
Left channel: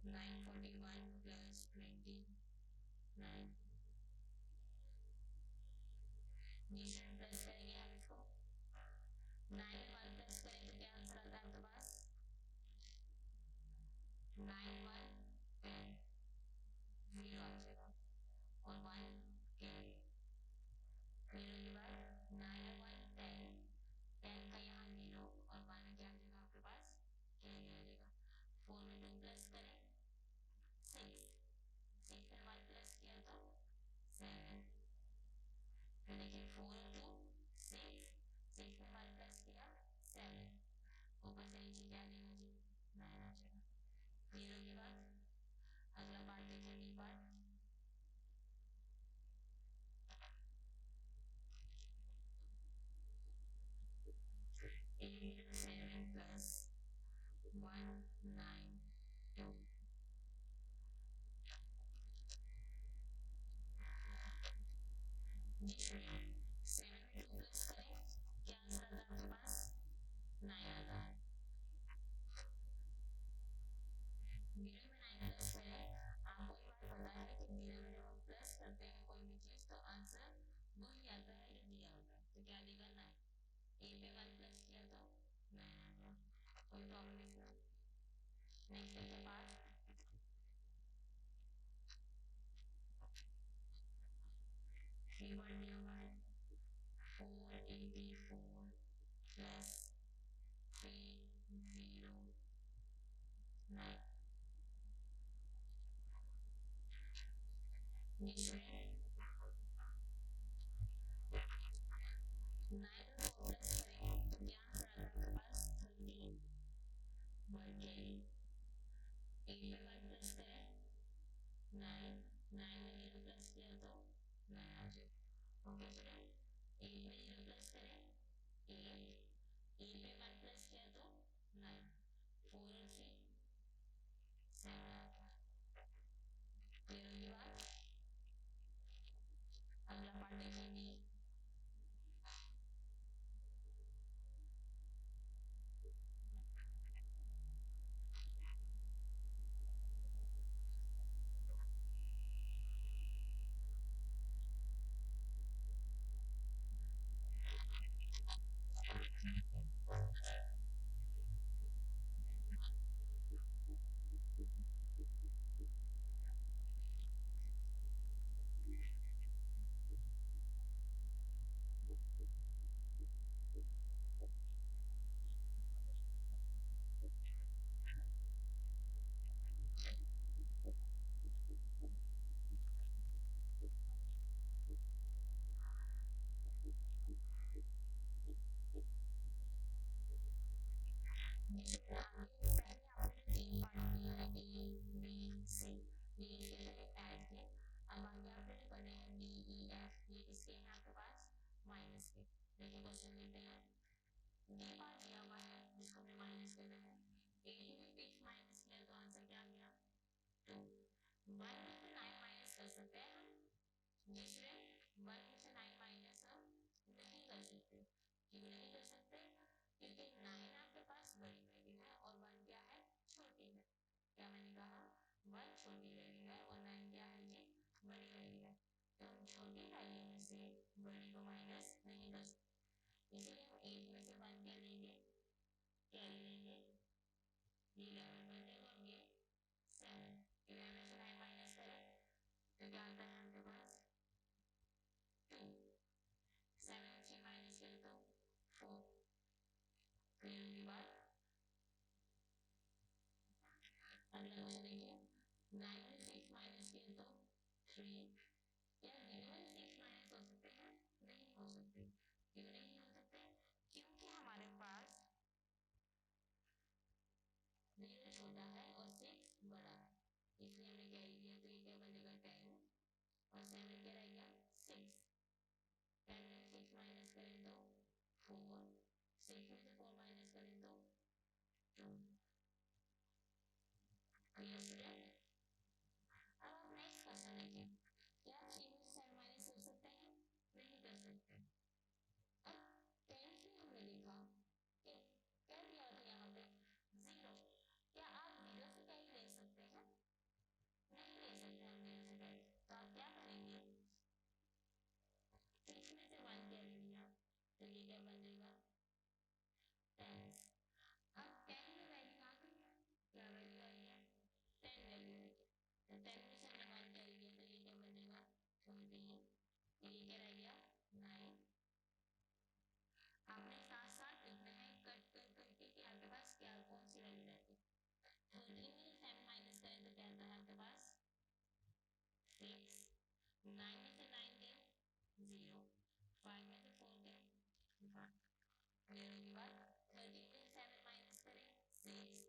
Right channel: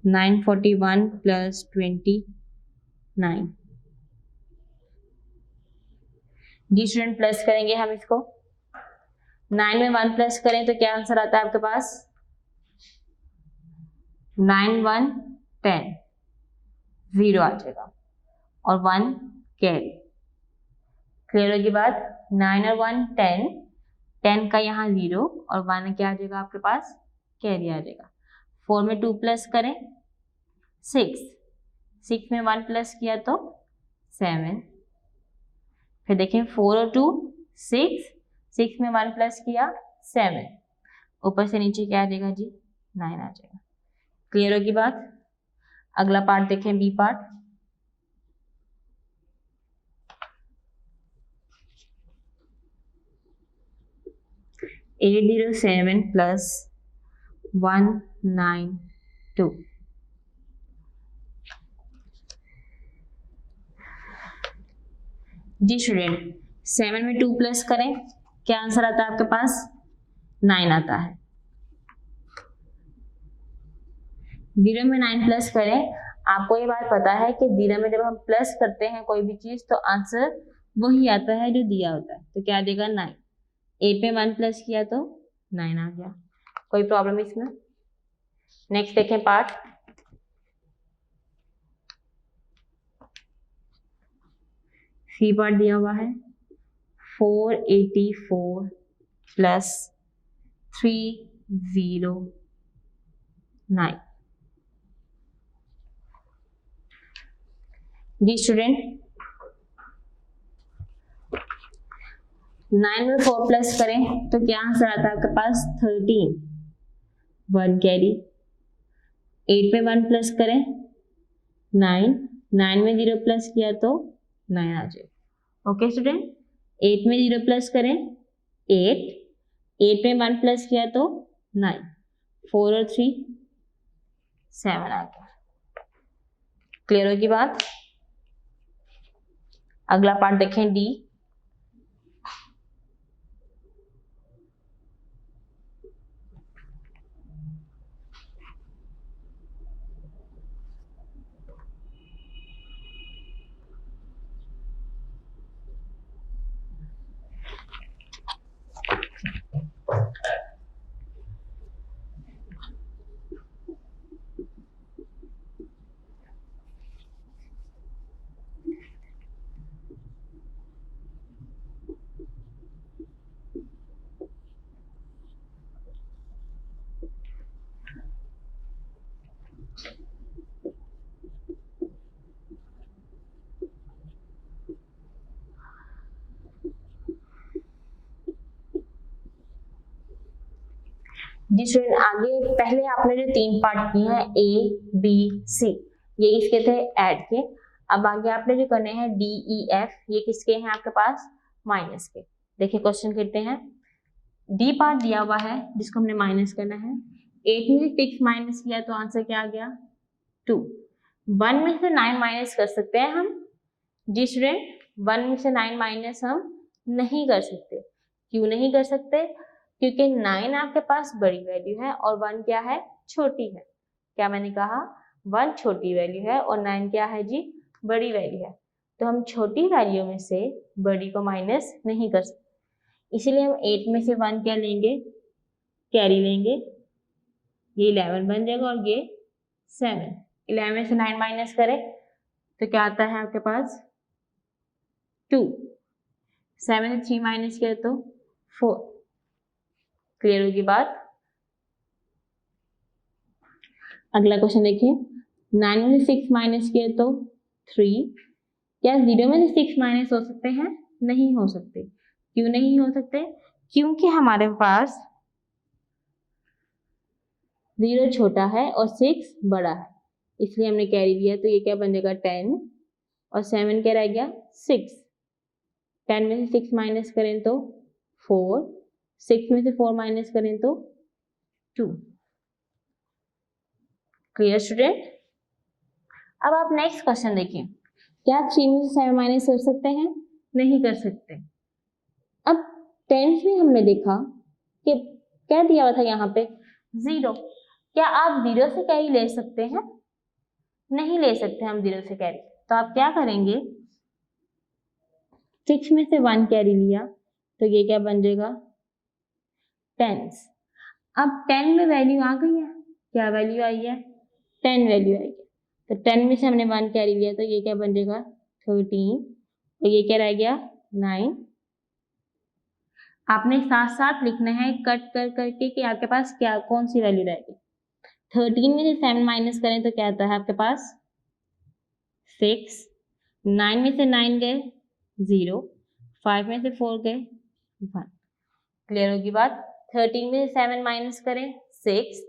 941 प्लस 29। जी स्टूडेंट, प्लस करेंगे हम इसको, 9 में 1 प्लस करें तो क्या आंसर आता है आपके पास 9 1 10, 0 आ जाएगा और 1 कैरी। क्लियर होगी बात? 9 और 1 10, 10 का यहाँ 0 और 1 क्या आ जाएगा आपके पास, कैरी आ जाएगा। 4 में 2 प्लस करें 6, 6 में 1 प्लस किया तो 7, फिर देखें 4 और 2 6, 6 में 1 प्लस किया 7, ऊपर से नीचे क्या आ जाएगा जी, 9 आ जाएगा। क्लियर होगी बात। अगला पार्ट देखें, बी पार्ट। $807 plus 192। जी स्टूडेंट, 7 में 2 प्लस करें, क्या आंसर आता है आपके पास, 9 आता है। 0 में 9 प्लस करें, आपको ये बात पता है कि 0 में जब हम प्लस करते हैं कोई भी चीज तो आंसर वही आता है जो दिया होता है, तो क्या देगा 9। 8 में 1 प्लस किया तो 9 आ गया। कोई प्रॉब्लम इसमें। नेक्स्ट देखें पार्ट। सी पार्ट दिया हुआ है 484 प्लस 309। जी स्टूडेंट, 9 में 4 प्लस करें तो क्या आंसर आता है आपके पास, 13, 1 कैरी। 8 में 1 प्लस करें 9, 9 में 0 प्लस किया तो 9 आ जाए। ओके स्टूडेंट, 8 में 0 प्लस करें 8, 8 में 1 प्लस किया तो 9, 4 और 3 7 आ गया। क्लियर होगी बात। अगला पार्ट देखें, डी। जी स्टूडेंट, आगे पहले आपने जो 3 पार्ट किए हैं ए बी सी, ये इसके थे ऐड के। अब आगे आपने जो करने हैं डी ई एफ, ये किसके हैं आपके पास, माइनस के। देखिए क्वेश्चन करते हैं। डी पार्ट दिया हुआ है जिसको हमने माइनस करना है। 8 में से 6 माइनस किया तो आंसर क्या आ गया, 2। 1 में से 9 माइनस कर सकते हैं हम। जी स्टूडेंट, 1 में से 9 माइनस हम नहीं कर सकते। क्यों नहीं कर सकते, क्योंकि 9 आपके पास बड़ी वैल्यू है और 1 क्या है, छोटी है। क्या मैंने कहा, 1 छोटी वैल्यू है और 9 क्या है जी, बड़ी वैल्यू है। तो हम छोटी वैल्यू में से बड़ी को माइनस नहीं कर सकते, इसीलिए हम 8 में से 1 क्या लेंगे, कैरी लेंगे। ये 11 बन जाएगा और ये 7। 11 में से 9 माइनस करें तो क्या आता है आपके पास, 2। 7 से 3 माइनस किया तो 4। क्लियर होगी बात। अगला क्वेश्चन देखिए। 9 में से 6 माइनस किया तो 3। क्या 0 में से 6 माइनस हो सकते हैं, नहीं हो सकते। क्यों नहीं हो सकते, क्योंकि हमारे पास 0 छोटा है और 6 बड़ा है, इसलिए हमने कैरी लिया। तो ये क्या बन जाएगा, 10 और 7 क्या रह गया, 6। 10 में से 6 माइनस करें तो 4, 6 में से 4 माइनस करें तो 2। Clear student. अब आप नेक्स्ट क्वेश्चन देखिए। क्या 3 में से 7 माइनस कर सकते हैं, नहीं कर सकते। अब 10 में हमने देखा कि क्या दिया हुआ था यहाँ पे, 0। क्या आप 0 से कैरी ले सकते हैं, नहीं ले सकते हम 0 से कैरी। तो आप क्या करेंगे, 6 में से 1 कैरी लिया तो ये क्या बन जाएगा, 10। अब 10 में वैल्यू आ गई है, क्या वैल्यू आई है, 10 वैल्यू आई है। तो 10 में से हमने 1 कैरी लिया तो ये क्या बन जाएगा, 13 और ये क्या रह गया, 9। आपने साथ साथ लिखना है कट कर करके कि आपके पास क्या कौन सी वैल्यू रहेगी। 13 में से 7 माइनस करें तो क्या आता है आपके पास 6, 9 में से 9 गए 0, 5 में से 4 गए 1। क्लियर होगी बात। 13 में से 7 माइनस करें 6,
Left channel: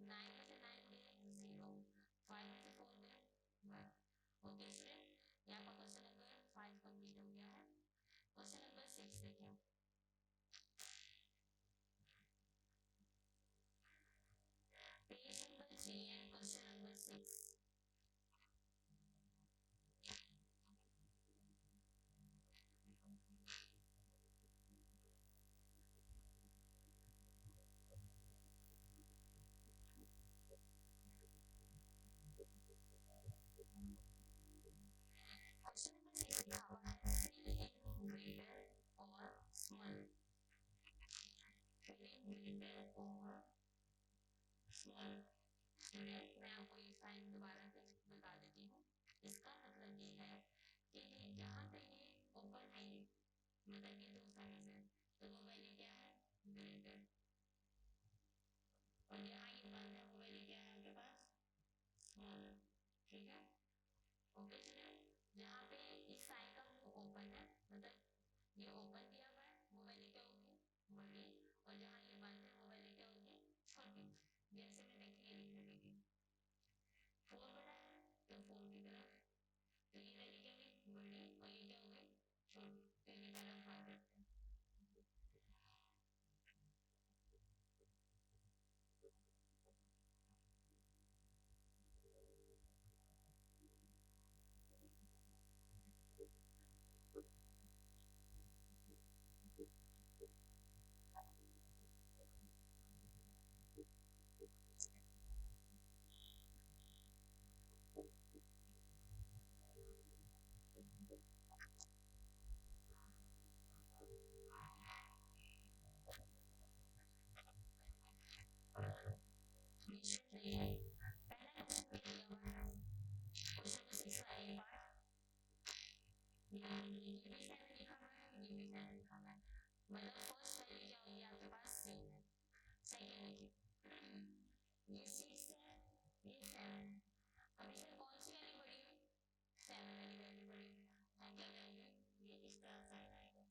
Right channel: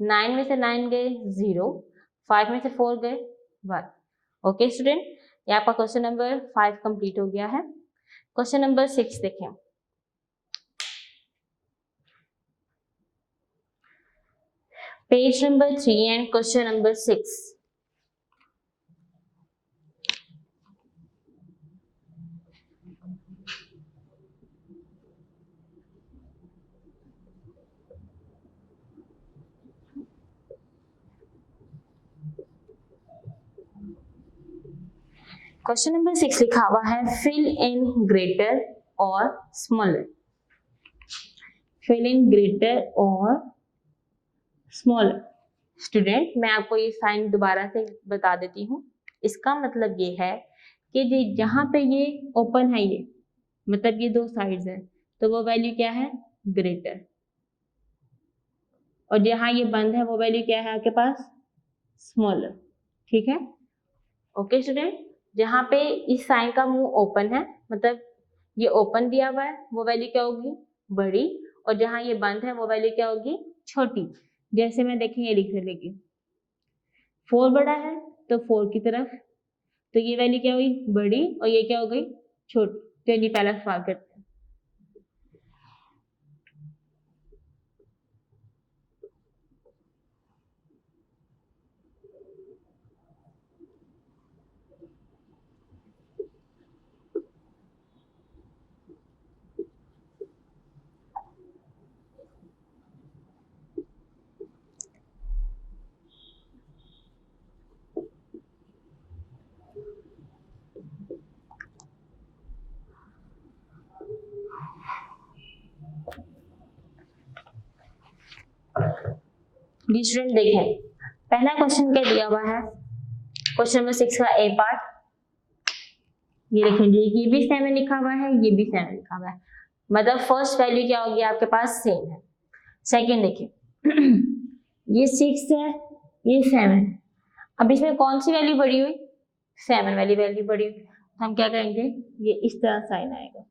9 में से 9 गए 0, 5 में से 4 गए 1। ओके स्टूडेंट, ये आपका क्वेश्चन नंबर 5 कंप्लीट हो गया है। क्वेश्चन नंबर 6 देखें। Page number 3 and question number 6। Question number 6 लिखा हुआ है फिल इन ग्रेटर और स्मॉलर। फिल इन ग्रेटर और स्मॉलर। स्टूडेंट, मैं आपको ये साइन दोबारा से बता देती हूँ। इसका मतलब ये है कि जहाँ पे ये ओपन है, ये मतलब ये दो साइड्स हैं, तो वो वैल्यू क्या है ग्रेटर, और जहाँ ये बंद है वो वैल्यू क्या है आपके पास स्मॉलर। ठीक है, ओके स्टूडेंट। जहाँ पे इस साइन का मुंह ओपन है, मतलब ये ओपन दिया हुआ है, वो वैल्यू क्या होगी बड़ी, और जहाँ ये बंद है वो वैल्यू क्या होगी छोटी। जैसे मैं देखेंगे लिख लेगी 4 बड़ा है तो 4 की तरफ, तो ये वैल्यू क्या हुई बड़ी और ये क्या हो गई छोटी। चलिए पहला सवाल करते हैं। स्टूडेंट देखें, पहला क्वेश्चन क्या दिया हुआ है, क्वेश्चन नंबर 6 का ए पार्ट। ये देखेंगे ये भी 7 लिखा हुआ है, ये भी 7 लिखा हुआ है, मतलब फर्स्ट वैल्यू क्या होगी आपके पास सेम है। सेकंड देखिए ये 6 है, ये 7 है। अब इसमें कौन सी वैल्यू बड़ी हुई 7 वाली वैल्यू बड़ी हुई। हम क्या करेंगे ये इस तरह साइन आएगा।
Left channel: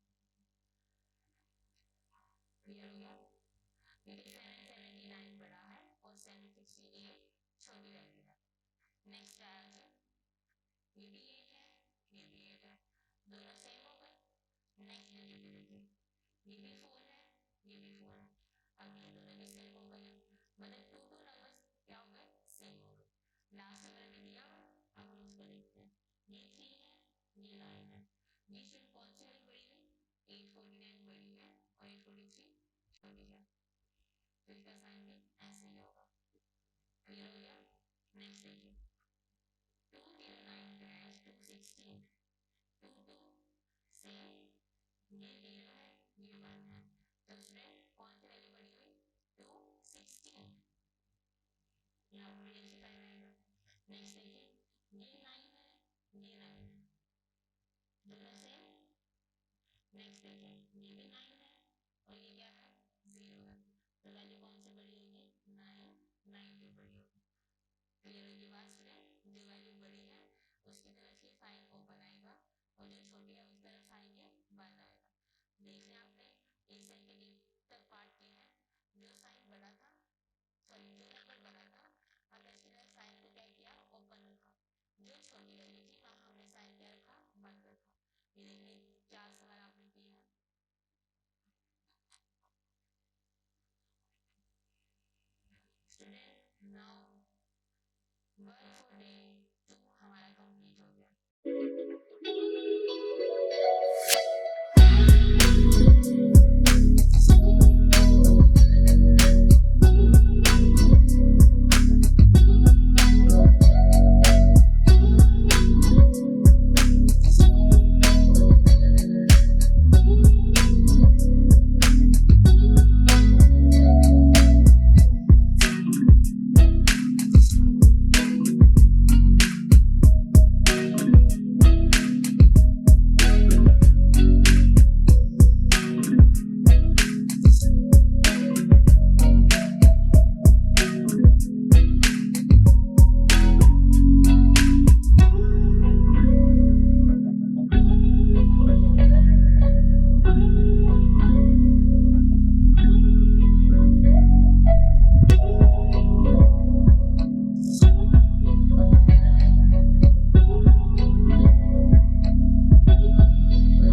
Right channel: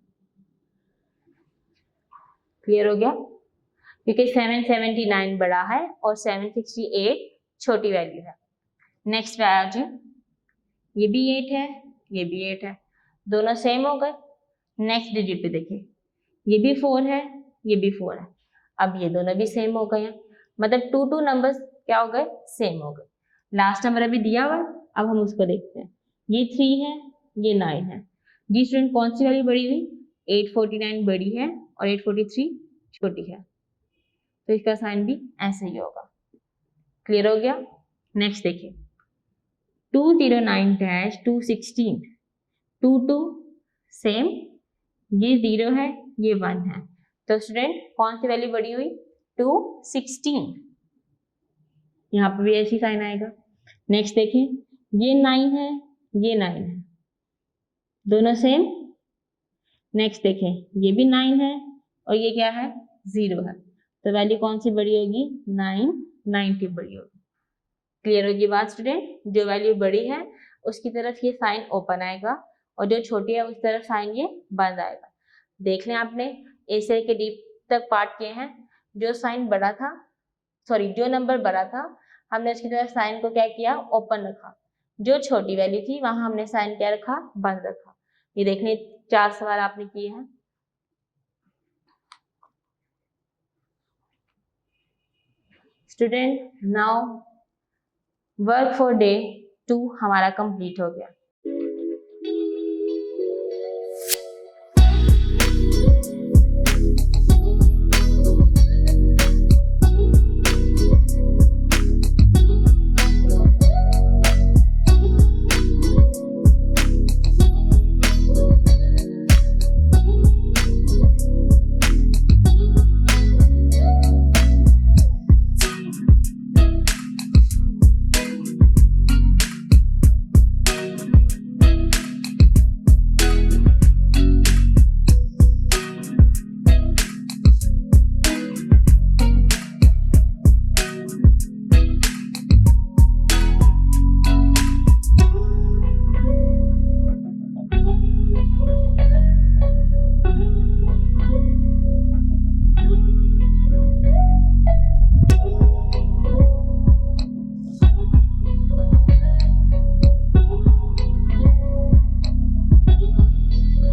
क्लियर हो गया, क्योंकि 779 बड़ा है और 768 छोटी वैल्यू है। नेक्स्ट पे आ जाए, ये भी 8 है, ये भी 8 है, दोनों सेम हो गए। नेक्स्ट डिजिट पे देखिए ये भी 4 है, ये भी 4 है, अब ये दोनों भी सेम हो गए हैं, मतलब 2 नंबर्स क्या हो गए सेम हो गए। लास्ट नंबर अभी दिया हुआ है, अब हम उसको देखते हैं। ये 3 है, ये 9 है। जी स्टूडेंट, कौन सी वैल्यू बड़ी हुई 849 बड़ी है और 843 छोटी है, तो इसका साइन भी ऐसे ही होगा। क्लियर हो गया। नेक्स्ट देखिए 209-216, 2 सेम, ये 0 है, ये 1 है, तो स्टूडेंट कौन सी वैल्यू बड़ी हुई 216, यहाँ पर भी ऐसी साइन आएगा। नेक्स्ट देखिए ये 9 है, ये 9 है, दोनों सेम। नेक्स्ट देखें ये भी 9 है और ये क्या है 0 है, तो वैल्यू कौन सी बड़ी होगी 990 बड़ी होगी। क्लियर होगी बात स्टूडेंट, जो वैल्यू बड़ी है उसकी तरफ ये साइन ओपन आएगा और जो छोटी है उस तरफ साइन ये बंद आएगा। देख लें आपने ए से के डी तक पार्ट किए हैं, जो साइन बड़ा था, सॉरी जो नंबर बड़ा था हमने उसकी तरफ साइन को क्या किया ओपन रखा, जो छोटी वैल्यू थी वहां हमने साइन क्या रखा बंद रखा। ये देख लें 4 सवाल आपने किए हैं। Student now work for day 2 हमारा कंप्लीट हो गया।